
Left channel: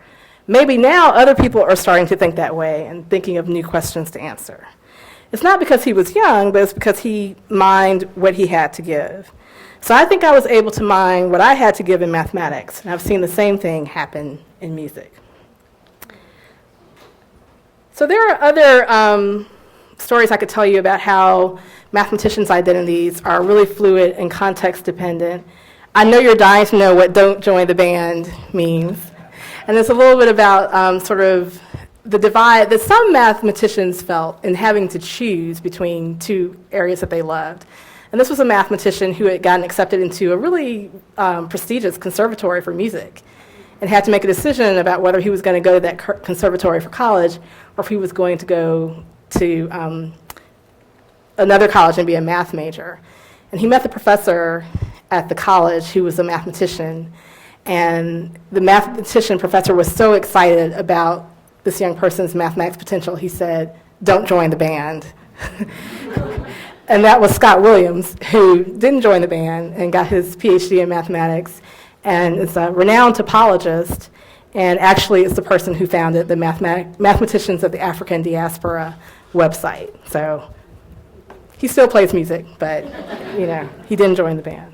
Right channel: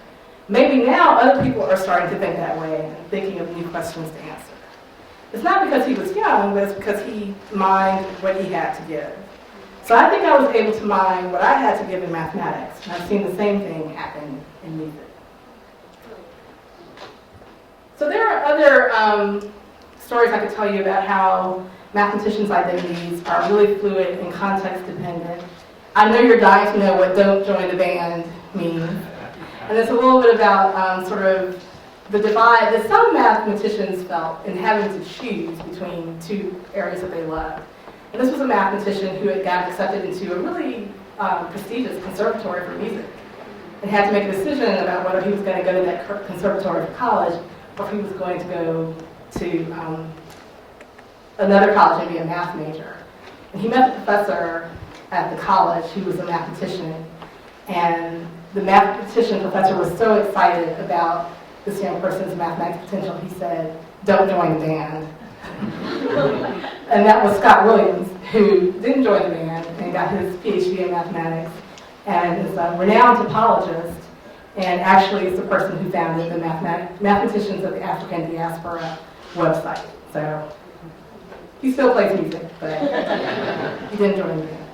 Maybe now other people are starting to think that way and thinking of new questions to answer. It's not because he was young, but it's because he mined what he had to give. So I think I was able to mine what I had to give in mathematics, and I've seen the same thing happen in music. So there are other stories I could tell you about how mathematicians' identities are really fluid and context dependent. I know you're dying to know what "don't join the band" means. And it's a little bit about sort of the divide that some mathematicians felt in having to choose between two areas that they loved. And this was a mathematician who had gotten accepted into a really prestigious conservatory for music and had to make a decision about whether he was going to go to that conservatory for college or if he was going to go to another college and be a math major. And he met the professor at the college who was a mathematician, and the mathematician professor was so excited about this young person's mathematics potential, he said, "Don't join the band." And that was Scott Williams, who didn't join the band and got his PhD in mathematics, and is a renowned topologist, and actually is the person who founded the Mathematicians of the African Diaspora website. So he still plays music, but he didn't join the band.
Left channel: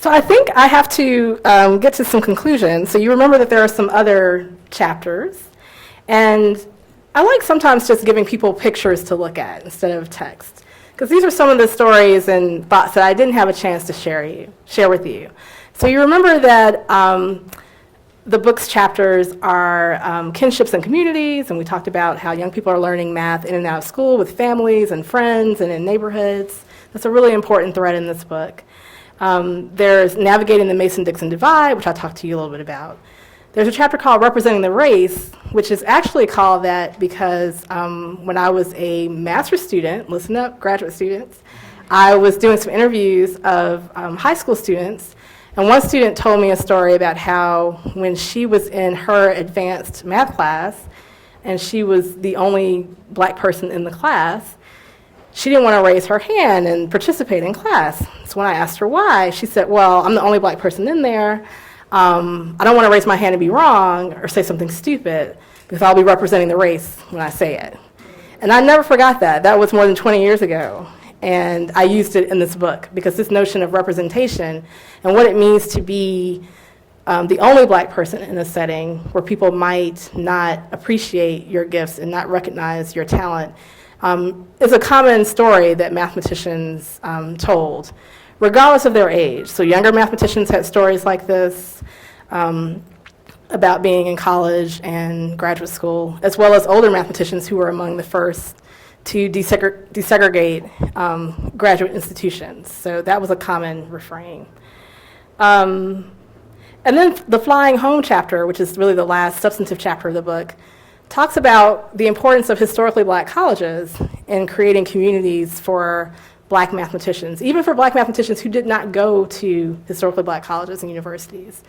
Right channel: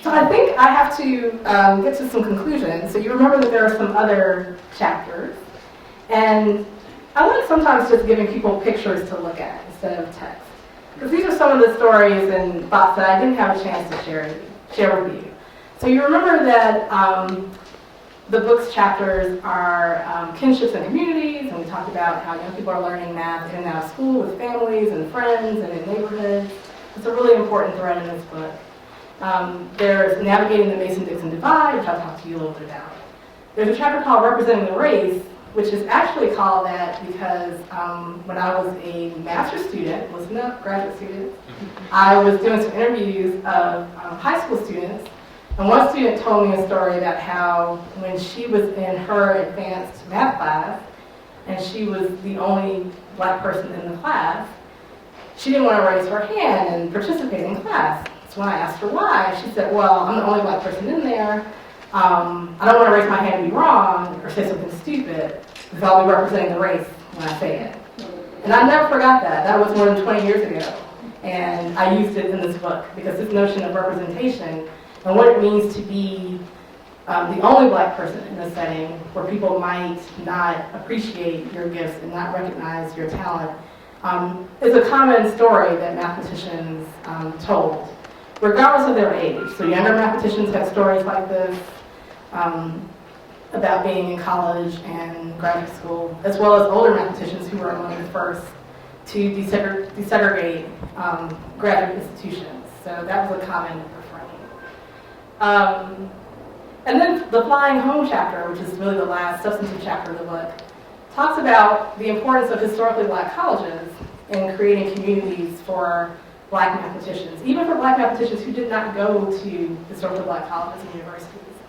So I think I have to get to some conclusions. So you remember that there are some other chapters, and I like sometimes just giving people pictures to look at instead of text, because these are some of the stories and thoughts that I didn't have a chance to share with you. So you remember that the book's chapters are kinships and communities, and we talked about how young people are learning math in and out of school with families and friends and in neighborhoods. That's a really important thread in this book. There's navigating the Mason-Dixon divide, which I'll talk to you a little bit about. There's a chapter called Representing the Race, which is actually called that because when I was a master's student, listen up, graduate students, I was doing some interviews of high school students, and one student told me a story about how when she was in her advanced math class, and she was the only black person in the class, she didn't want to raise her hand and participate in class. So when I asked her why, she said, well, I'm the only black person in there. I don't want to raise my hand and be wrong or say something stupid because I'll be representing the race when I say it. And I never forgot that. That was more than 20 years ago. And I used it in this book because this notion of representation and what it means to be the only black person in a setting where people might not appreciate your gifts and not recognize your talent is a common story that mathematicians told, regardless of their age. So younger mathematicians had stories like this about being in college and graduate school, as well as older mathematicians who were among the first to desegregate graduate institutions. So that was a common refrain. And then the Flying Home chapter, which is really the last substantive chapter of the book, talks about the importance of historically black colleges in creating communities for black mathematicians, even for black mathematicians who did not go to historically black colleges and universities.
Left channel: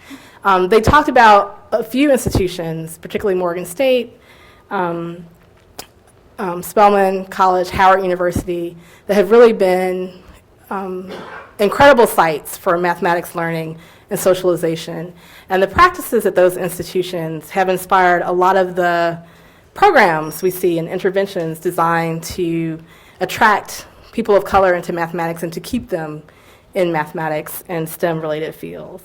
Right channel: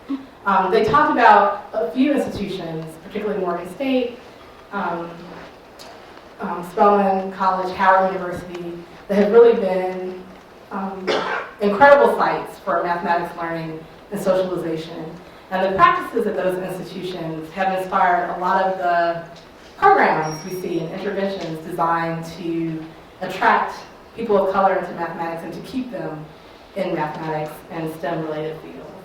They talked about a few institutions, particularly Morgan State, Spelman College, Howard University, that have really been incredible sites for mathematics learning and socialization. And the practices at those institutions have inspired a lot of the programs we see and interventions designed to attract people of color into mathematics and to keep them in mathematics and STEM-related fields.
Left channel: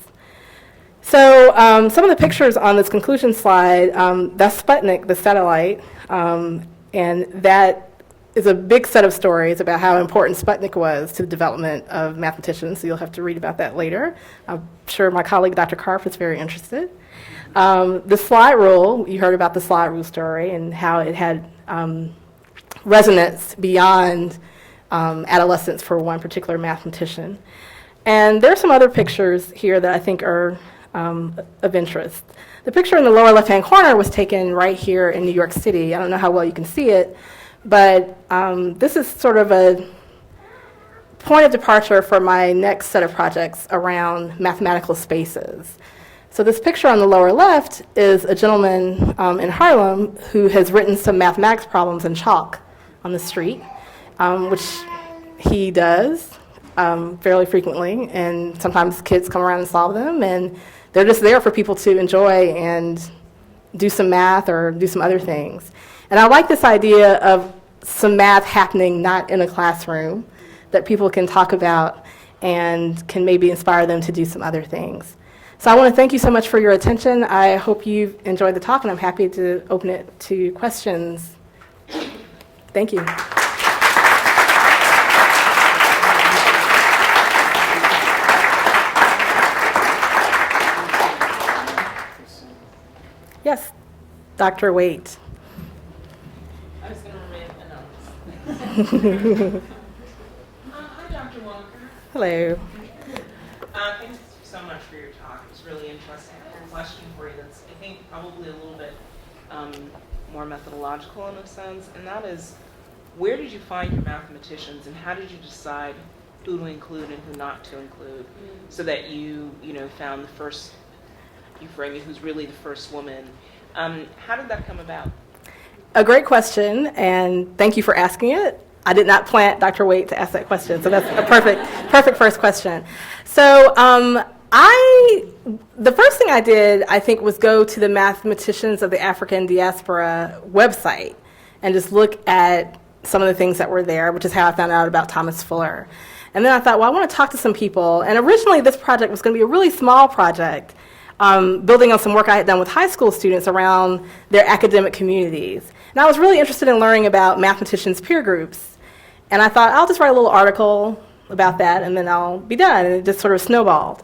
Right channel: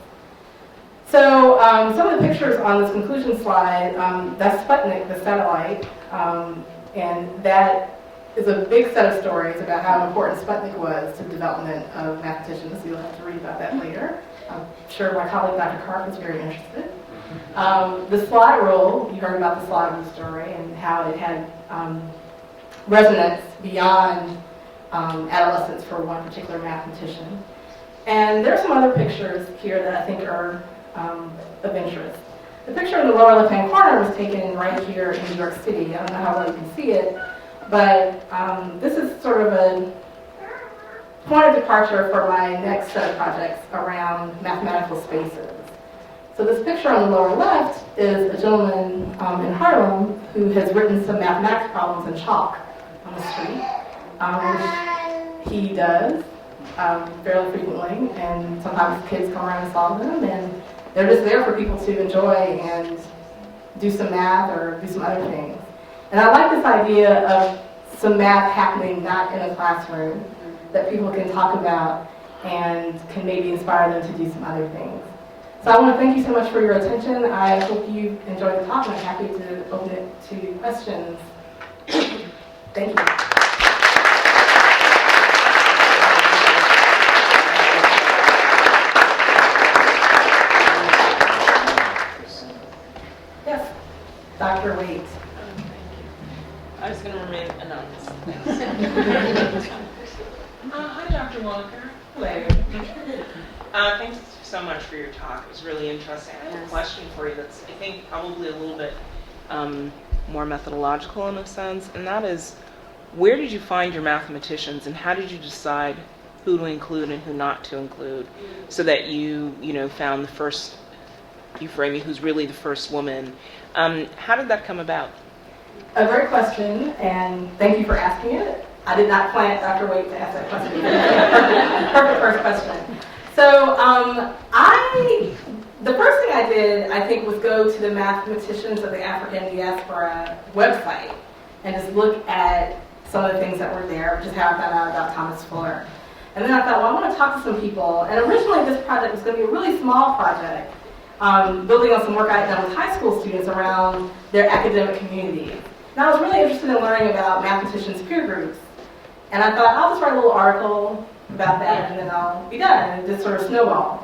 So some of the pictures on this conclusion slide, that's Sputnik, the satellite, and that is a big set of stories about how important Sputnik was to the development of mathematicians, so you'll have to read about that later. I'm sure my colleague, Dr. Karpf, is very interested. The slide rule, you heard about the slide rule story and how it had resonance beyond adolescence for one particular mathematician. And there are some other pictures here that I think are of interest. The picture in the lower left-hand corner was taken right here in New York City. I don't know how well you can see it, but this is sort of a point of departure for my next set of projects around mathematical spaces. So this picture on the lower left is a gentleman in Harlem who has written some mathematics problems in chalk on the street, which he does fairly frequently, and sometimes kids come around and solve them, and they're just there for people to enjoy and do some math or do some other things. And I like this idea of some math happening not in a classroom, that people can talk about and can maybe inspire them to do some other things. So I want to thank you so much for your attention. I hope you enjoyed the talk, and I'm happy to open it to questions. Thank you. Yes, Dr. Waite. I was going to remain anonymous. Hi, Dr. Walker. Hello. Thanks so much for your talk. It was really interesting. I have a question for you that's, I think, probably a little bit more methodological in a sense, and that is, where did you find your mathematicians, and how did you decide who to include and who not to include, so that you found the first Euphrasia, who's really the first woman? How did that come about? A great question, and thank you for asking it. I did not plant Dr. Waite to ask that question, so that's a perfect first question. So the first thing I did, I think, was go to the Mathematicians of the African Diaspora website and just look at some of the things that were there, which is how I found out about Thomas Fuller. And then I thought, well, I want to talk to some people. And originally, this project was going to be a really small project, building on some work I had done with high school students around their academic communities. And I was really interested in learning about mathematicians' peer groups. And I thought, I'll just write a little article about that, and then I'll be done. And it just sort of snowballed.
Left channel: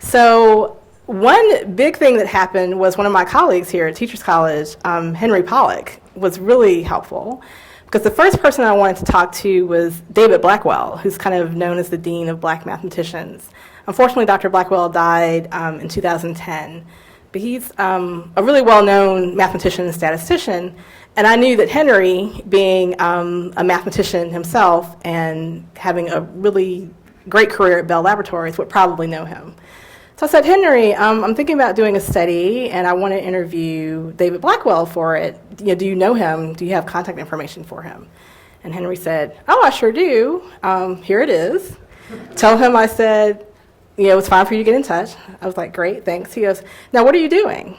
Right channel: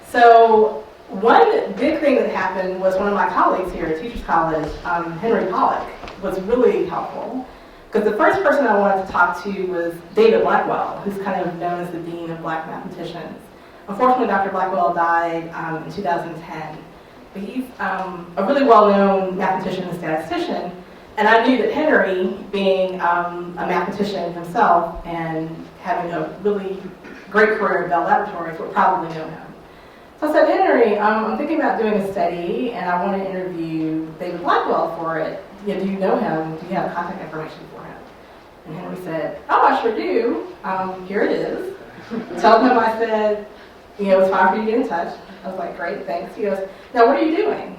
So one big thing that happened was one of my colleagues here at Teachers College, Henry Pollack, was really helpful. Because the first person I wanted to talk to was David Blackwell, who's kind of known as the Dean of Black Mathematicians. Unfortunately, Dr. Blackwell died in 2010. But he's a really well-known mathematician and statistician. And I knew that Henry, being a mathematician himself and having a really great career at Bell Laboratories, would probably know him. So I said, Henry, I'm thinking about doing a study, and I want to interview David Blackwell for it. Do you know him? Do you have contact information for him? And Henry said, oh, I sure do. Here it is. Tell him I said, it's fine for you to get in touch. I was like, great, thanks. He goes, now what are you doing?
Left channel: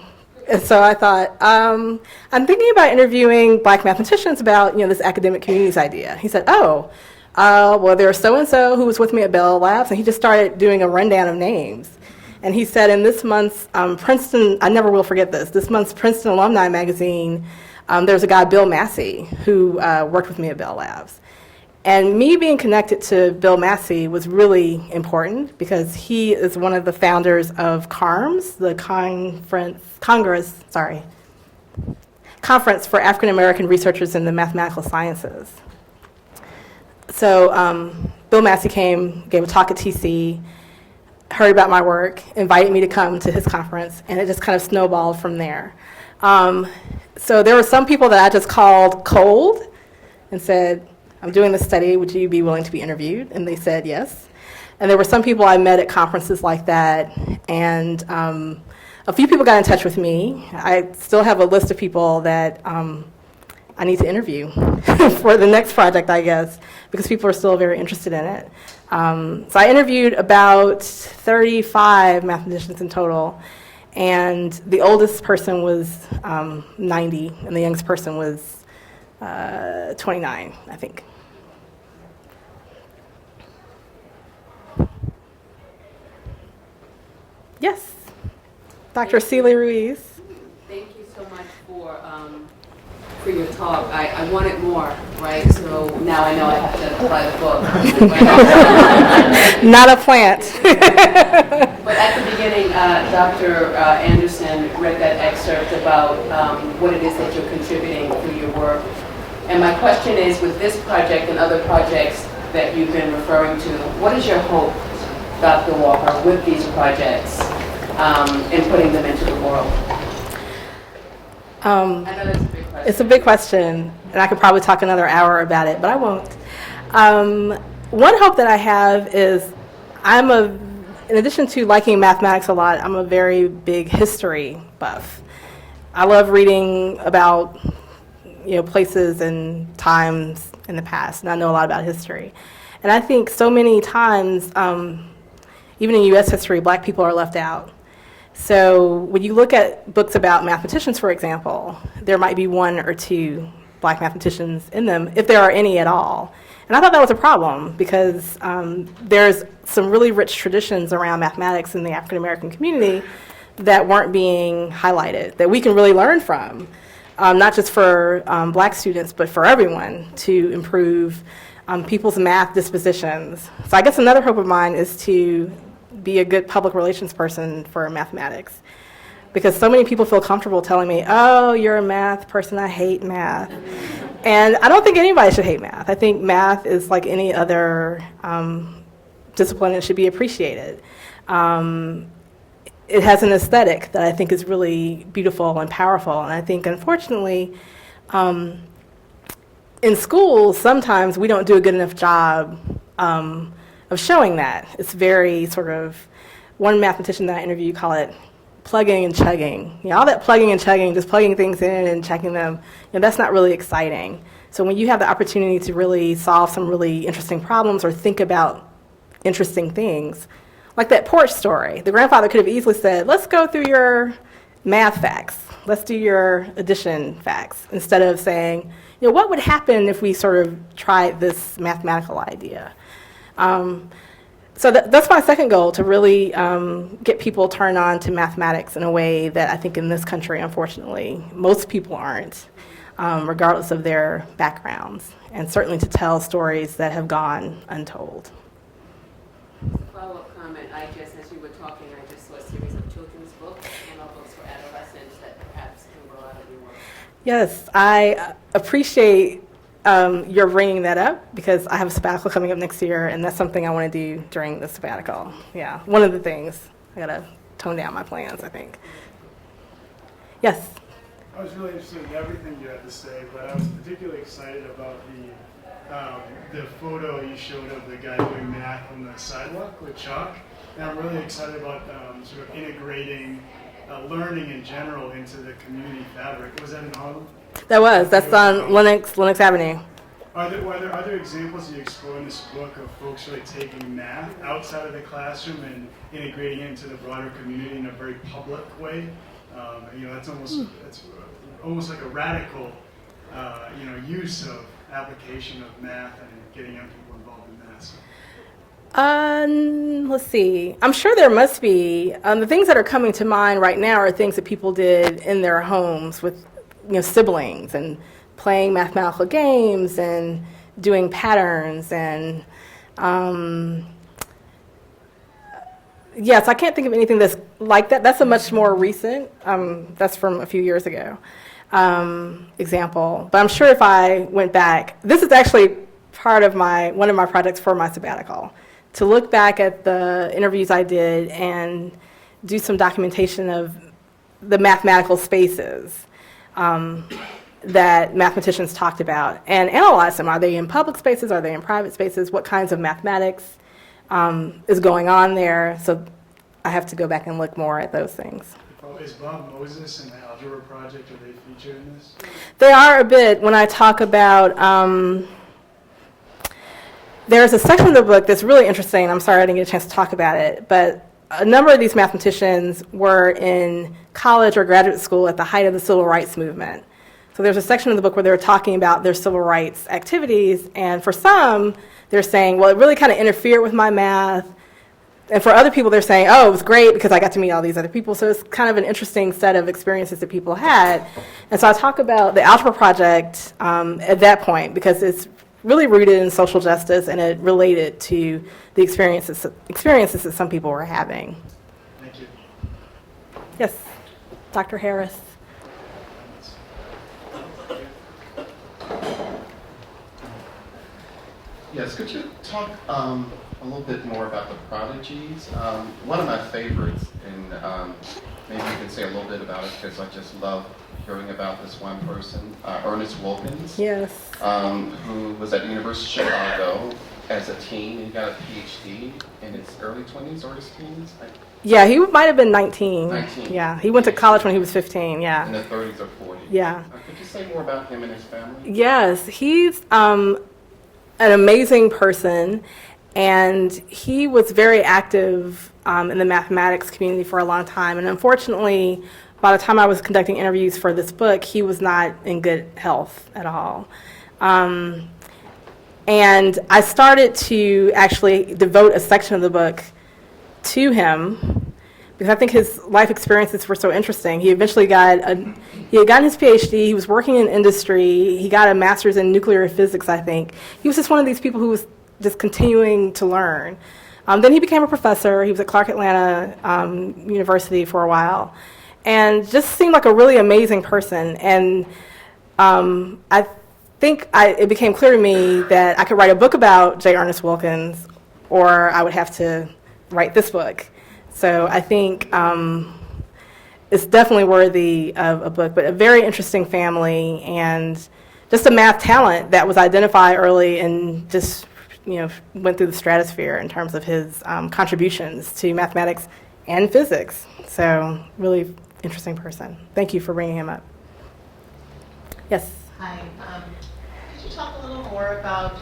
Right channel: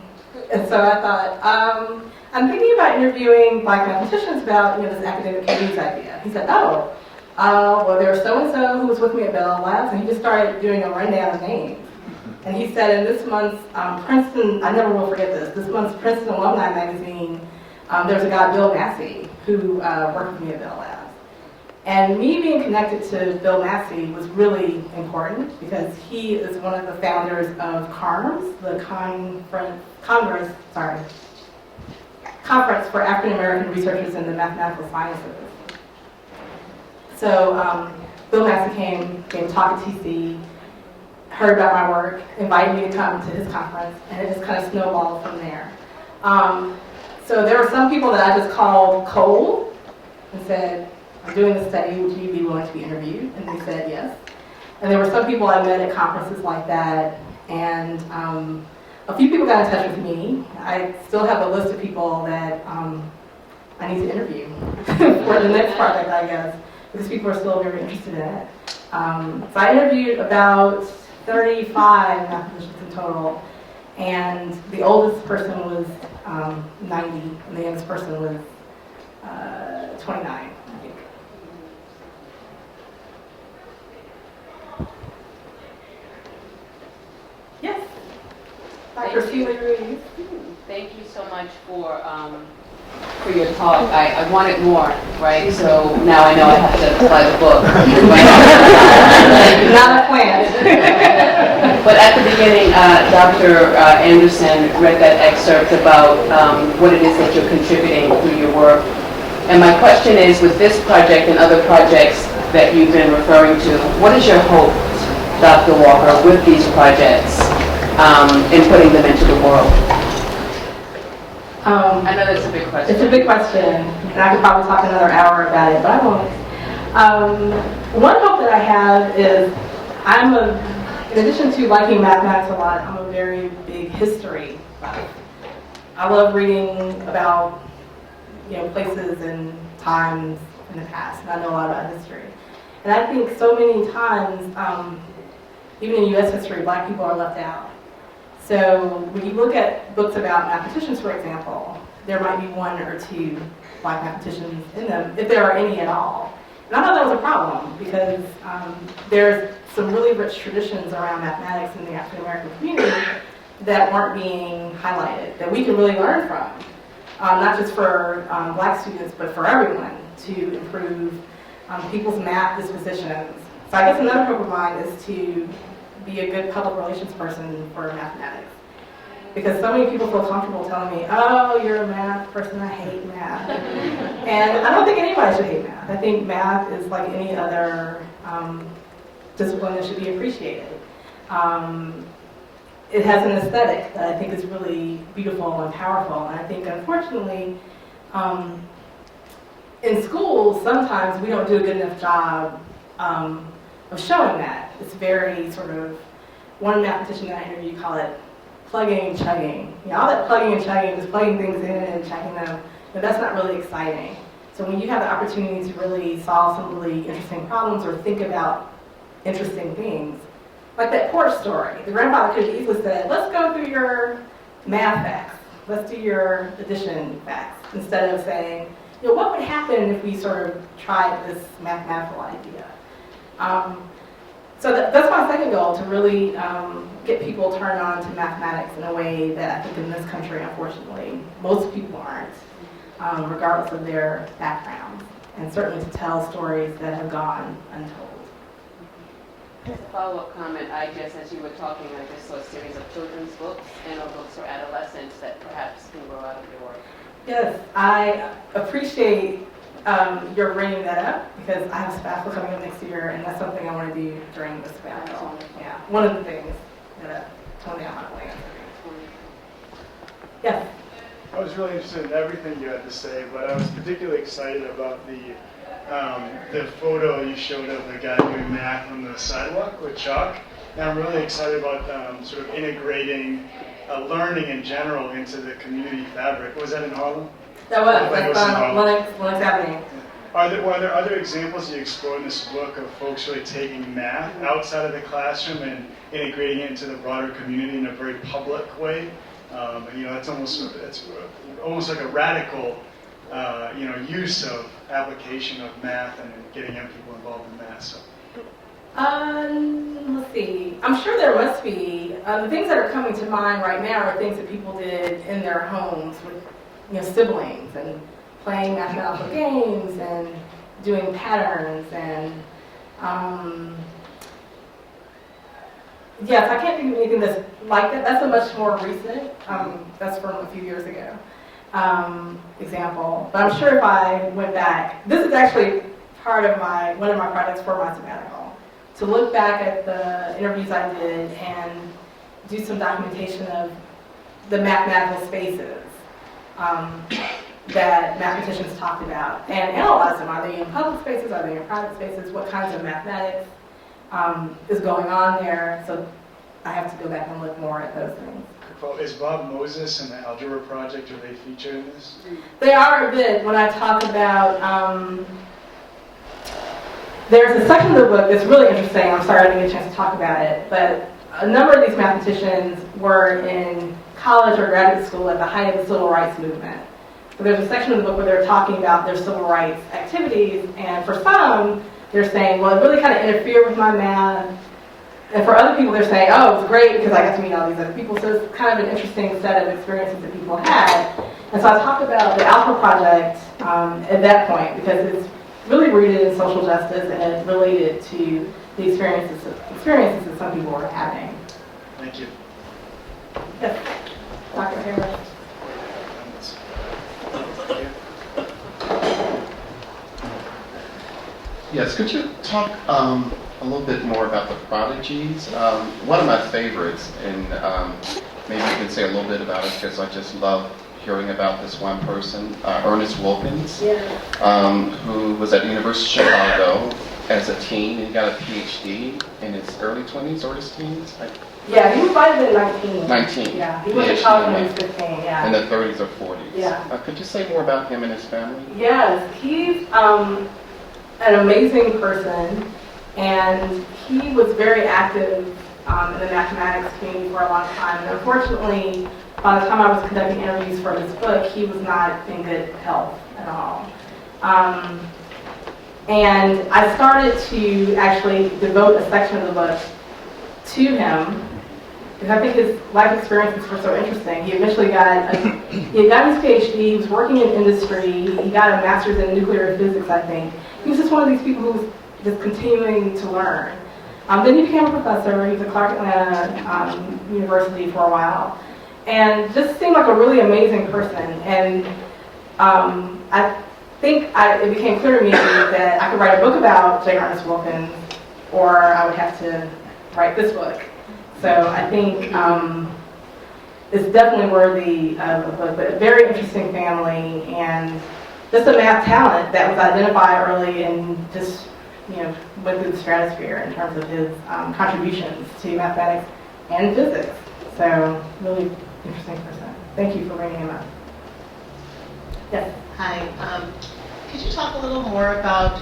And so I thought, I'm thinking about interviewing Black mathematicians about this academic communities idea. He said, well, there's so-and-so who was with me at Bell Labs, and he just started doing a rundown of names. And he said in this month's Princeton, I never will forget this month's Princeton Alumni Magazine, there's a guy, Bill Massey, who worked with me at Bell Labs. And me being connected to Bill Massey was really important because he is one of the founders of CARMS, the Conference for African American Researchers in the Mathematical Sciences. So Bill Massey came, gave a talk at TC, heard about my work, invited me to come to his conference, and it just kind of snowballed from there. So there were some people that I just called cold and said, I'm doing this study, would you be willing to be interviewed? And they said yes. And there were some people I met at conferences like that, and a few people got in touch with me. I still have a list of people that I need to interview for the next project, I guess, because people are still very interested in it. So I interviewed about 35 mathematicians in total, and the oldest person was 90, and the youngest person was 29, I think. Yes, Dr. Celia Ruiz. Thank you so much for your talk. I wanted more, right? So now I know I have to apply the book. Not a plant. But at the beginning, Dr. Anderson read that excerpt about what it is that you're contributing through your work. And my question is, with this project and other projects that you've been referring to, what is your hope, Dr. Walker, with these projects in putting them into the world? I know that's a big question. It's a big question, and I could probably talk another hour about it, but I won't. One hope that I have is in addition to liking mathematics a lot, I'm a very big history buff. I love reading about places and times in the past, and I know a lot about history. And I think so many times, even in U.S. history, black people are left out. So when you look at books about mathematicians, for example, there might be one or two black mathematicians in them, if there are any at all. And I thought that was a problem because there's some really rich traditions around mathematics in the African American community that weren't being highlighted, that we can really learn from, not just for black students, but for everyone to improve people's math dispositions. So I guess another hope of mine is to be a good public relations person for mathematics. Because so many people feel comfortable telling me, oh, you're a math person, I hate math. And I don't think anybody should hate math. I think math is like any other discipline and should be appreciated. It has an aesthetic that I think is really beautiful and powerful. And I think, unfortunately, in schools, sometimes we don't do a good enough job of showing that. It's very sort of, one mathematician that I interviewed called it plugging and chugging. All that plugging and chugging, just plugging things in and checking them, that's not really exciting. So when you have the opportunity to really solve some really interesting problems or think about interesting things, like that porch story, the grandfather could have easily said, let's go through your math facts. Let's do your addition facts, instead of saying, what would happen if we sort of tried this mathematical idea? So that's my second goal, to really get people turned on to mathematics in a way that I think in this country, unfortunately, most people aren't, regardless of their backgrounds, and certainly to tell stories that have gone untold. As a follow-up comment, I guess as you were talking, I just saw a series of children's books and of books for adolescents that perhaps can grow out of your work. Yes, I appreciate you're bringing that up, because I have a sabbatical coming up next year, and that's something I want to do during the sabbatical. Yeah, one of the things. I got to tone down my plans, I think. Yes? I was really interested in everything you had to say, but I was particularly excited about the photo you showed of the guy doing math on the sidewalk with chalk. And I'm really excited about sort of integrating learning in general into the community fabric. Was that in Harlem? That's on Lenox Avenue. Are there other examples you explore in this book of folks really taking math outside of the classroom and integrating it into the broader community in a very public way? That's almost like a radical use of application of math and getting young people involved in math. So. Let's see. I'm sure there must be. The things that are coming to mind right now are things that people did in their homes with siblings, and playing mathematical games and doing patterns, and yes, I can't think of anything that's like that. That's a much more recent, that's from a few years ago, example. But I'm sure if I went back, this is actually part of one of my projects for my sabbatical, to look back at the interviews I did and do some documentation of the mathematical spaces that mathematicians talked about, and analyze them. Are they in public spaces? Are they in private spaces? What kinds of mathematics is going on there? So I have to go back and look more at those things. Is Bob Moses and the Algebra Project, are they featured in this? They are a bit. When I talk about, there's a section of the book that's really interesting. I'm sorry I didn't get a chance to talk about it, but a number of these mathematicians were in college or graduate school at the height of the civil rights movement. So there's a section of the book where they're talking about their civil rights activities, and for some, they're saying, well, it really kind of interfered with my math. and for other people, they're saying, oh, it was great because I got to meet all these other people. So it's kind of an interesting set of experiences that people had. And so I talk about the Algebra Project at that point because it's really rooted in social justice and it related to the experiences that some people were having. Thank you. Yes, Dr. Harris. Yes, could you talk a little bit more about the prodigies? One of my favorites, and maybe you can say a little bit about it because I just love hearing about this one person, Ernest Wilkins, Yes. who was at the University of Chicago as a teen and got a PhD in his early 20s or his teens. Yeah, he might have been 19. 19. Yeah, he went to college when he was 15, yeah. In the 30s or 40s. Yeah. Could you say more about him and his family? Yes, he's an amazing person, and he was very active in the mathematics community for a long time. And unfortunately, by the time I was conducting interviews for this book, he was not in good health at all. And I started to actually devote a section of the book to him because I think his life experiences were so interesting. He eventually he had gotten his PhD, he was working in industry, he got a master's in nuclear physics, I think. He was just one of these people who was just continuing to learn. Then he became a professor. He was at Clark Atlanta University for a while and just seemed like a really amazing person. And I think it became clear to me that I could write a book about J. Ernest Wilkins or I would have to write this book. So I think it's definitely worthy of a book, but a very interesting family and just a math talent that was identified early and just went through the stratosphere in terms of his contributions to mathematics and physics. So really interesting person. Thank you for bringing him up. Yes. Hi. Could you talk a little more about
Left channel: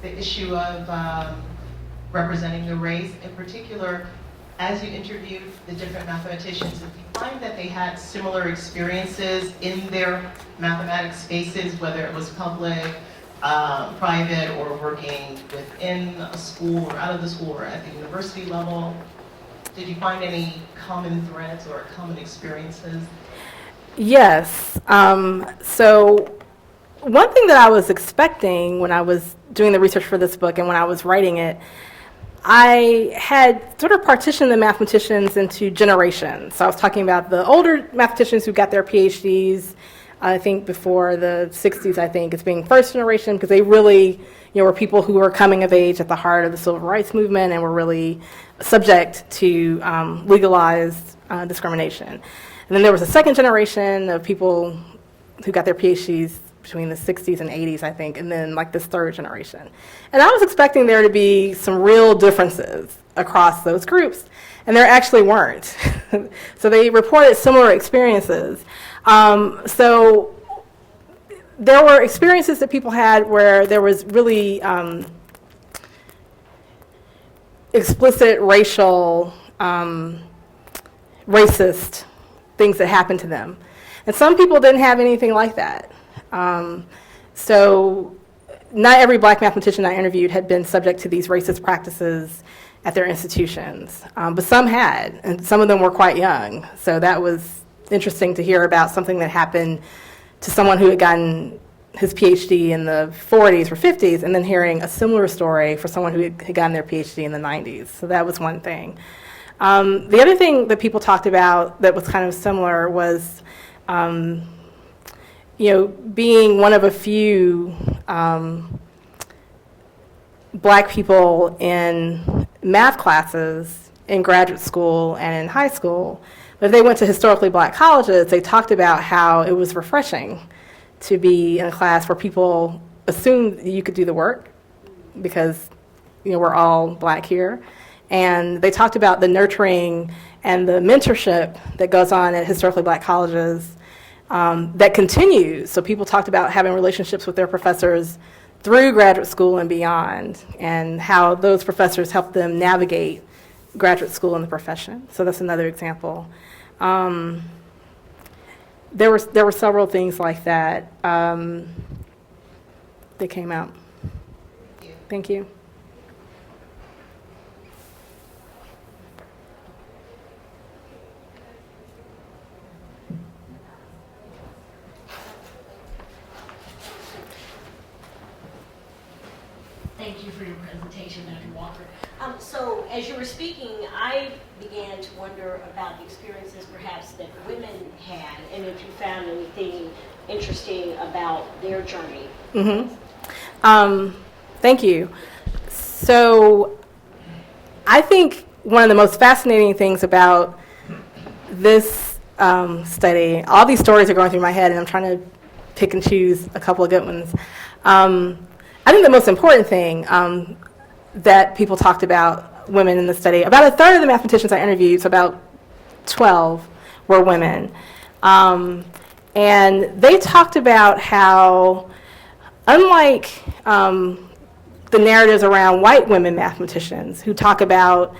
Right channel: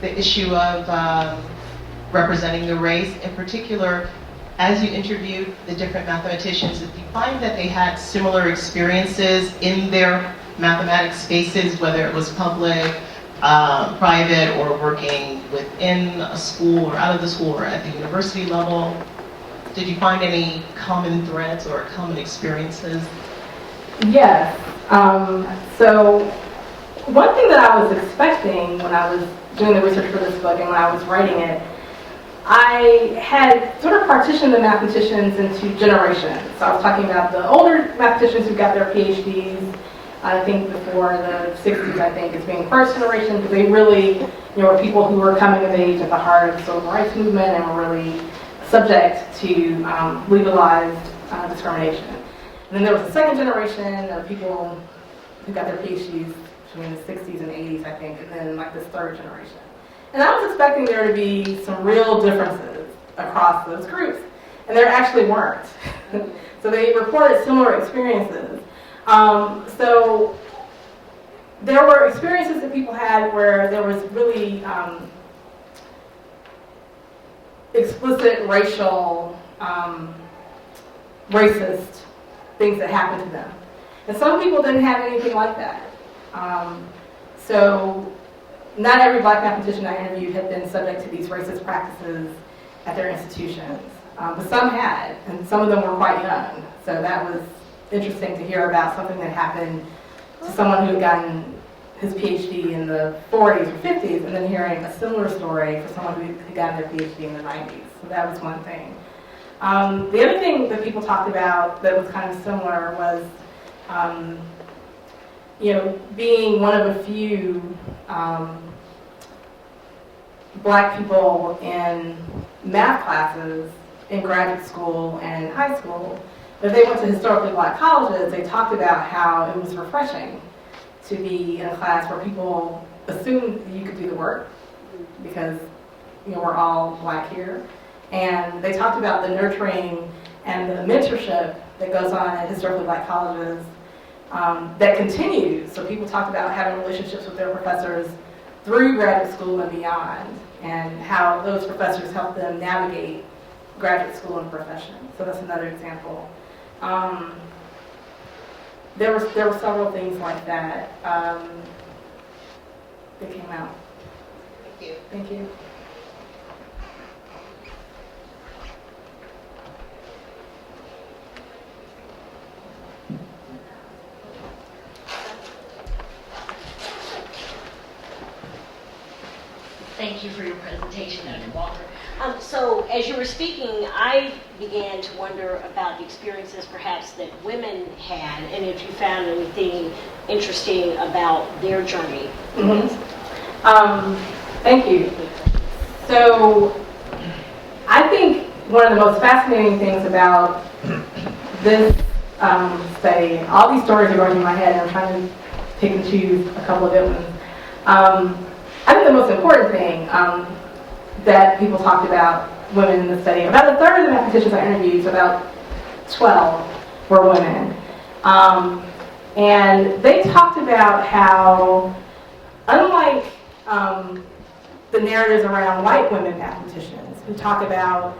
the issue of representing the race? In particular, as you interviewed the different mathematicians, did you find that they had similar experiences in their mathematics spaces, whether it was public, private, or working within a school or out of the school or at the university level? Did you find any common threads or common experiences? Yes. So one thing that I was expecting when I was doing the research for this book and when I was writing it, I had sort of partitioned the mathematicians into generations. So I was talking about the older mathematicians who got their PhDs, I think before the 60s, I think, as being first generation, because they really were people who were coming of age at the heart of the civil rights movement and were really subject to legalized discrimination. And then there was a second generation of people who got their PhDs between the 60s and 80s, I think, and then like this third generation. And I was expecting there to be some real differences across those groups, and there actually weren't. So they reported similar experiences. So there were experiences that people had where there was really explicit racial, racist things that happened to them. And some people didn't have anything like that. So not every black mathematician I interviewed had been subject to these racist practices at their institutions, but some had, and some of them were quite young. So that was interesting to hear about something that happened to someone who had gotten his PhD in the 40s or 50s, and then hearing a similar story for someone who had gotten their PhD in the 90s. So that was one thing. The other thing that people talked about that was kind of similar was, being one of a few black people in math classes in graduate school and in high school. But if they went to historically black colleges, they talked about how it was refreshing to be in a class where people assumed you could do the work because we're all black here. And they talked about the nurturing and the mentorship that goes on at historically black colleges that continues. So people talked about having relationships with their professors through graduate school and beyond, and how those professors help them navigate graduate school and the profession. So that's another example. There were several things like that that came out. Thank you. Thank you. for your presentation, Dr. Walker. So as you were speaking, I began to wonder about the experiences perhaps that women had, and if you found anything interesting about their journey. Thank you. So I think one of the most fascinating things about this study, all these stories are going through my head, and I'm trying to pick and choose a couple of good ones. I think the most important thing that people talked about women in the study, about a third of the mathematicians I interviewed, so about 12, were women. And they talked about how, unlike the narratives around white women mathematicians who talk about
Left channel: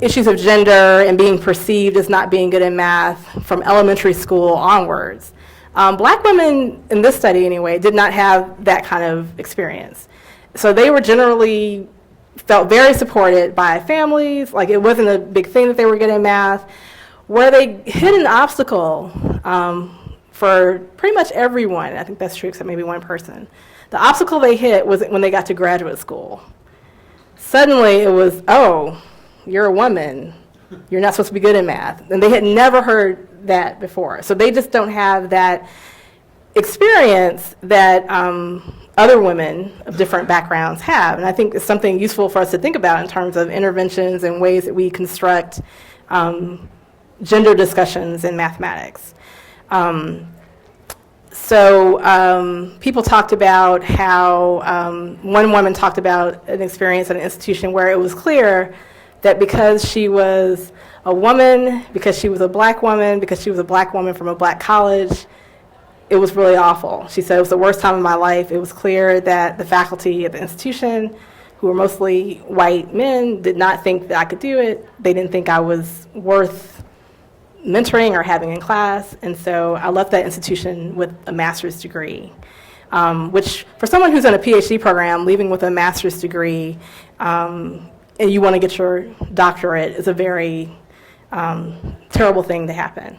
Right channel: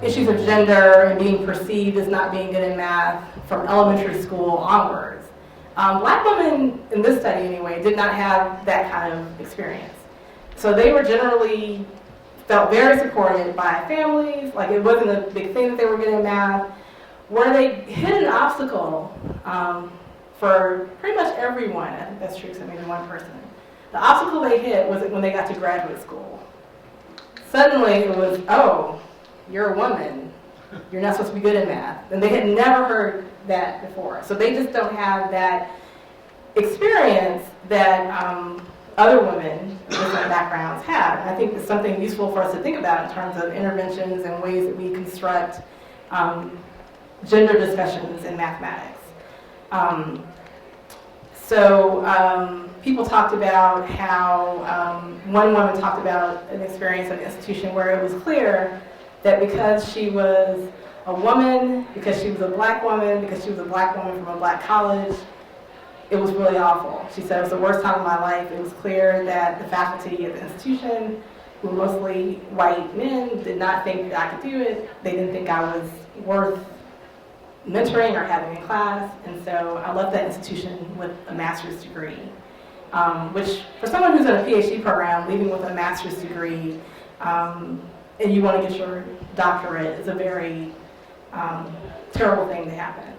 issues of gender and being perceived as not being good in math from elementary school onwards, black women, in this study anyway, did not have that kind of experience. So they were generally felt very supported by families, like it wasn't a big thing that they were good in math. Where they hit an obstacle for pretty much everyone, I think that's true except maybe one person, the obstacle they hit was when they got to graduate school. Suddenly it was, oh, you're a woman, you're not supposed to be good in math. And they had never heard that before. So they just don't have that experience that other women of different backgrounds have. And I think it's something useful for us to think about in terms of interventions and ways that we construct gender discussions in mathematics. People talked about how one woman talked about an experience at an institution where it was clear that because she was a woman, because she was a black woman, because she was a black woman from a black college, it was really awful. She said it was the worst time of my life. It was clear that the faculty at the institution, who were mostly white men, did not think that I could do it. They didn't think I was worth mentoring or having in class. And so I left that institution with a master's degree, which for someone who's in a PhD program, leaving with a master's degree, and you want to get your doctorate is a very terrible thing to happen.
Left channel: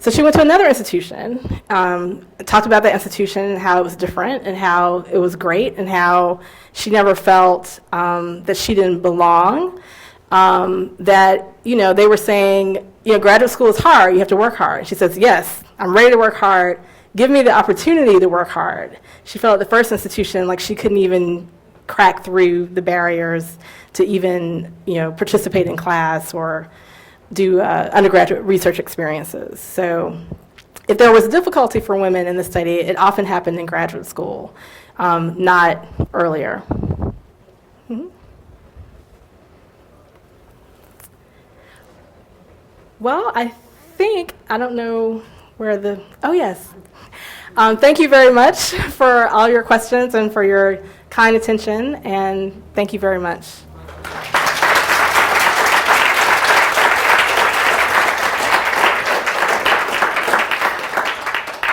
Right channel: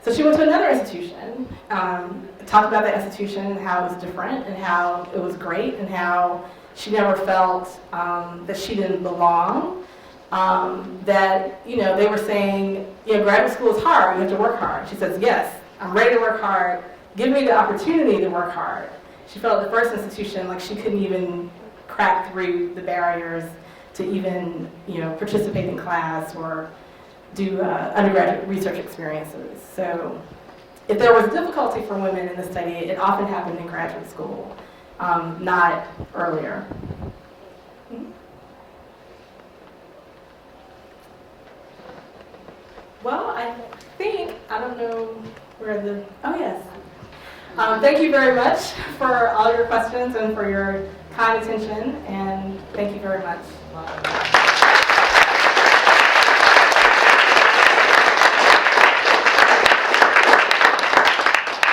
So she went to another institution, talked about that institution and how it was different and how it was great and how she never felt that she didn't belong. That, they were saying, graduate school is hard, you have to work hard. She says, yes, I'm ready to work hard. Give me the opportunity to work hard. She felt at the first institution like she couldn't even crack through the barriers to even, participate in class or do undergraduate research experiences. So if there was difficulty for women in the study, it often happened in graduate school, not earlier. Mm-hmm. Well, I don't know where oh yes. Thank you very much for all your questions and for your kind attention, and thank you very much.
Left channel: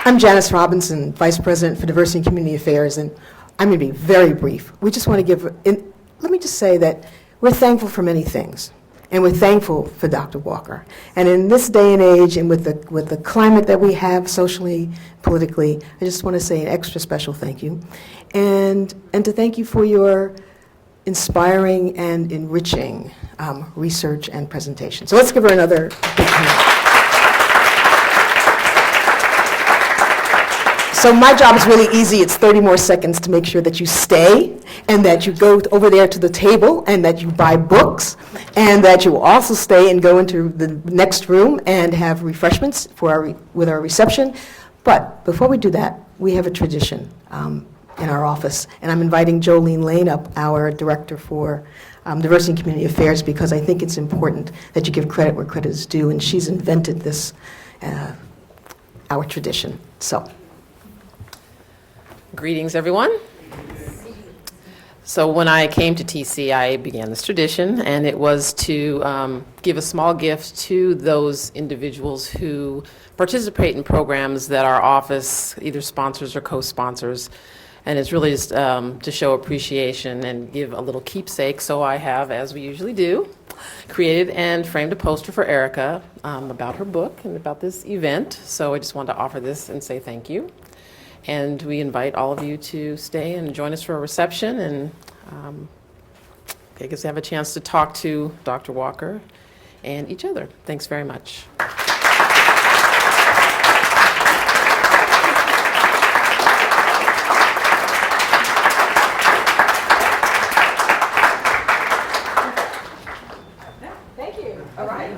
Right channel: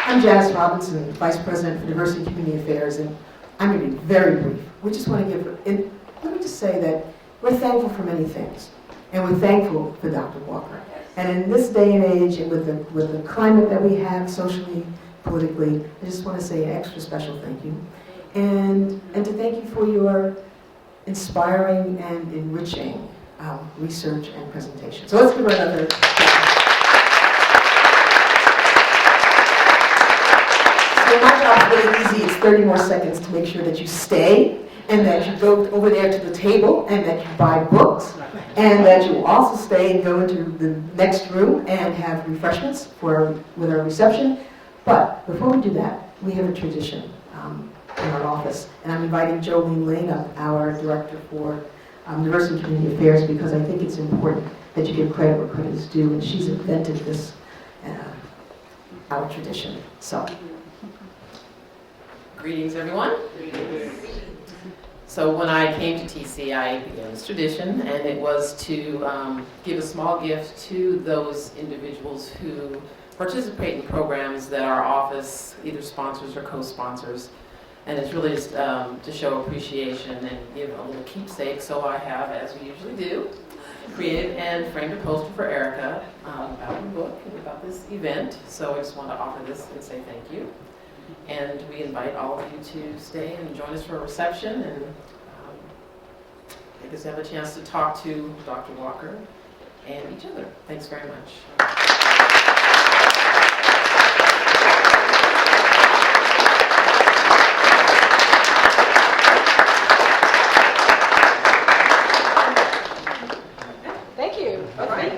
I'm Janice Robinson, Vice President for Diversity and Community Affairs, and I'm going to be very brief. We just want to let me just say that we're thankful for many things, and we're thankful for Dr. Walker. And in this day and age, and with the climate that we have socially, politically, I just want to say an extra special thank you, and to thank you for your inspiring and enriching research and presentation. So let's give her another big hand. So my job is really easy. It's 30 more seconds to make sure that you stay and that you go over there to the table and that you buy books and that you also stay and go into the next room and have refreshments with our reception. But before we do that, we have a tradition in our office. And I'm inviting Jolene Lane up, our Director for Diversity and Community Affairs, because I think it's important that you give credit where credit is due. And she's invented this, our tradition. So. Greetings, everyone. So when I came to TC, I began this tradition, and it was to give a small gift to those individuals who participate in programs that our office either sponsors or co-sponsors. And it's really just to show appreciation and give a little keepsake. So I have, as we usually do, created and framed a poster for Erica about her book and about this event. So I just wanted to offer this and say thank you. And we invite all of you to stay and join us for a reception, and I guess have a chance to talk to Dr. Walker and each other. Thanks very much. Thank you. All right.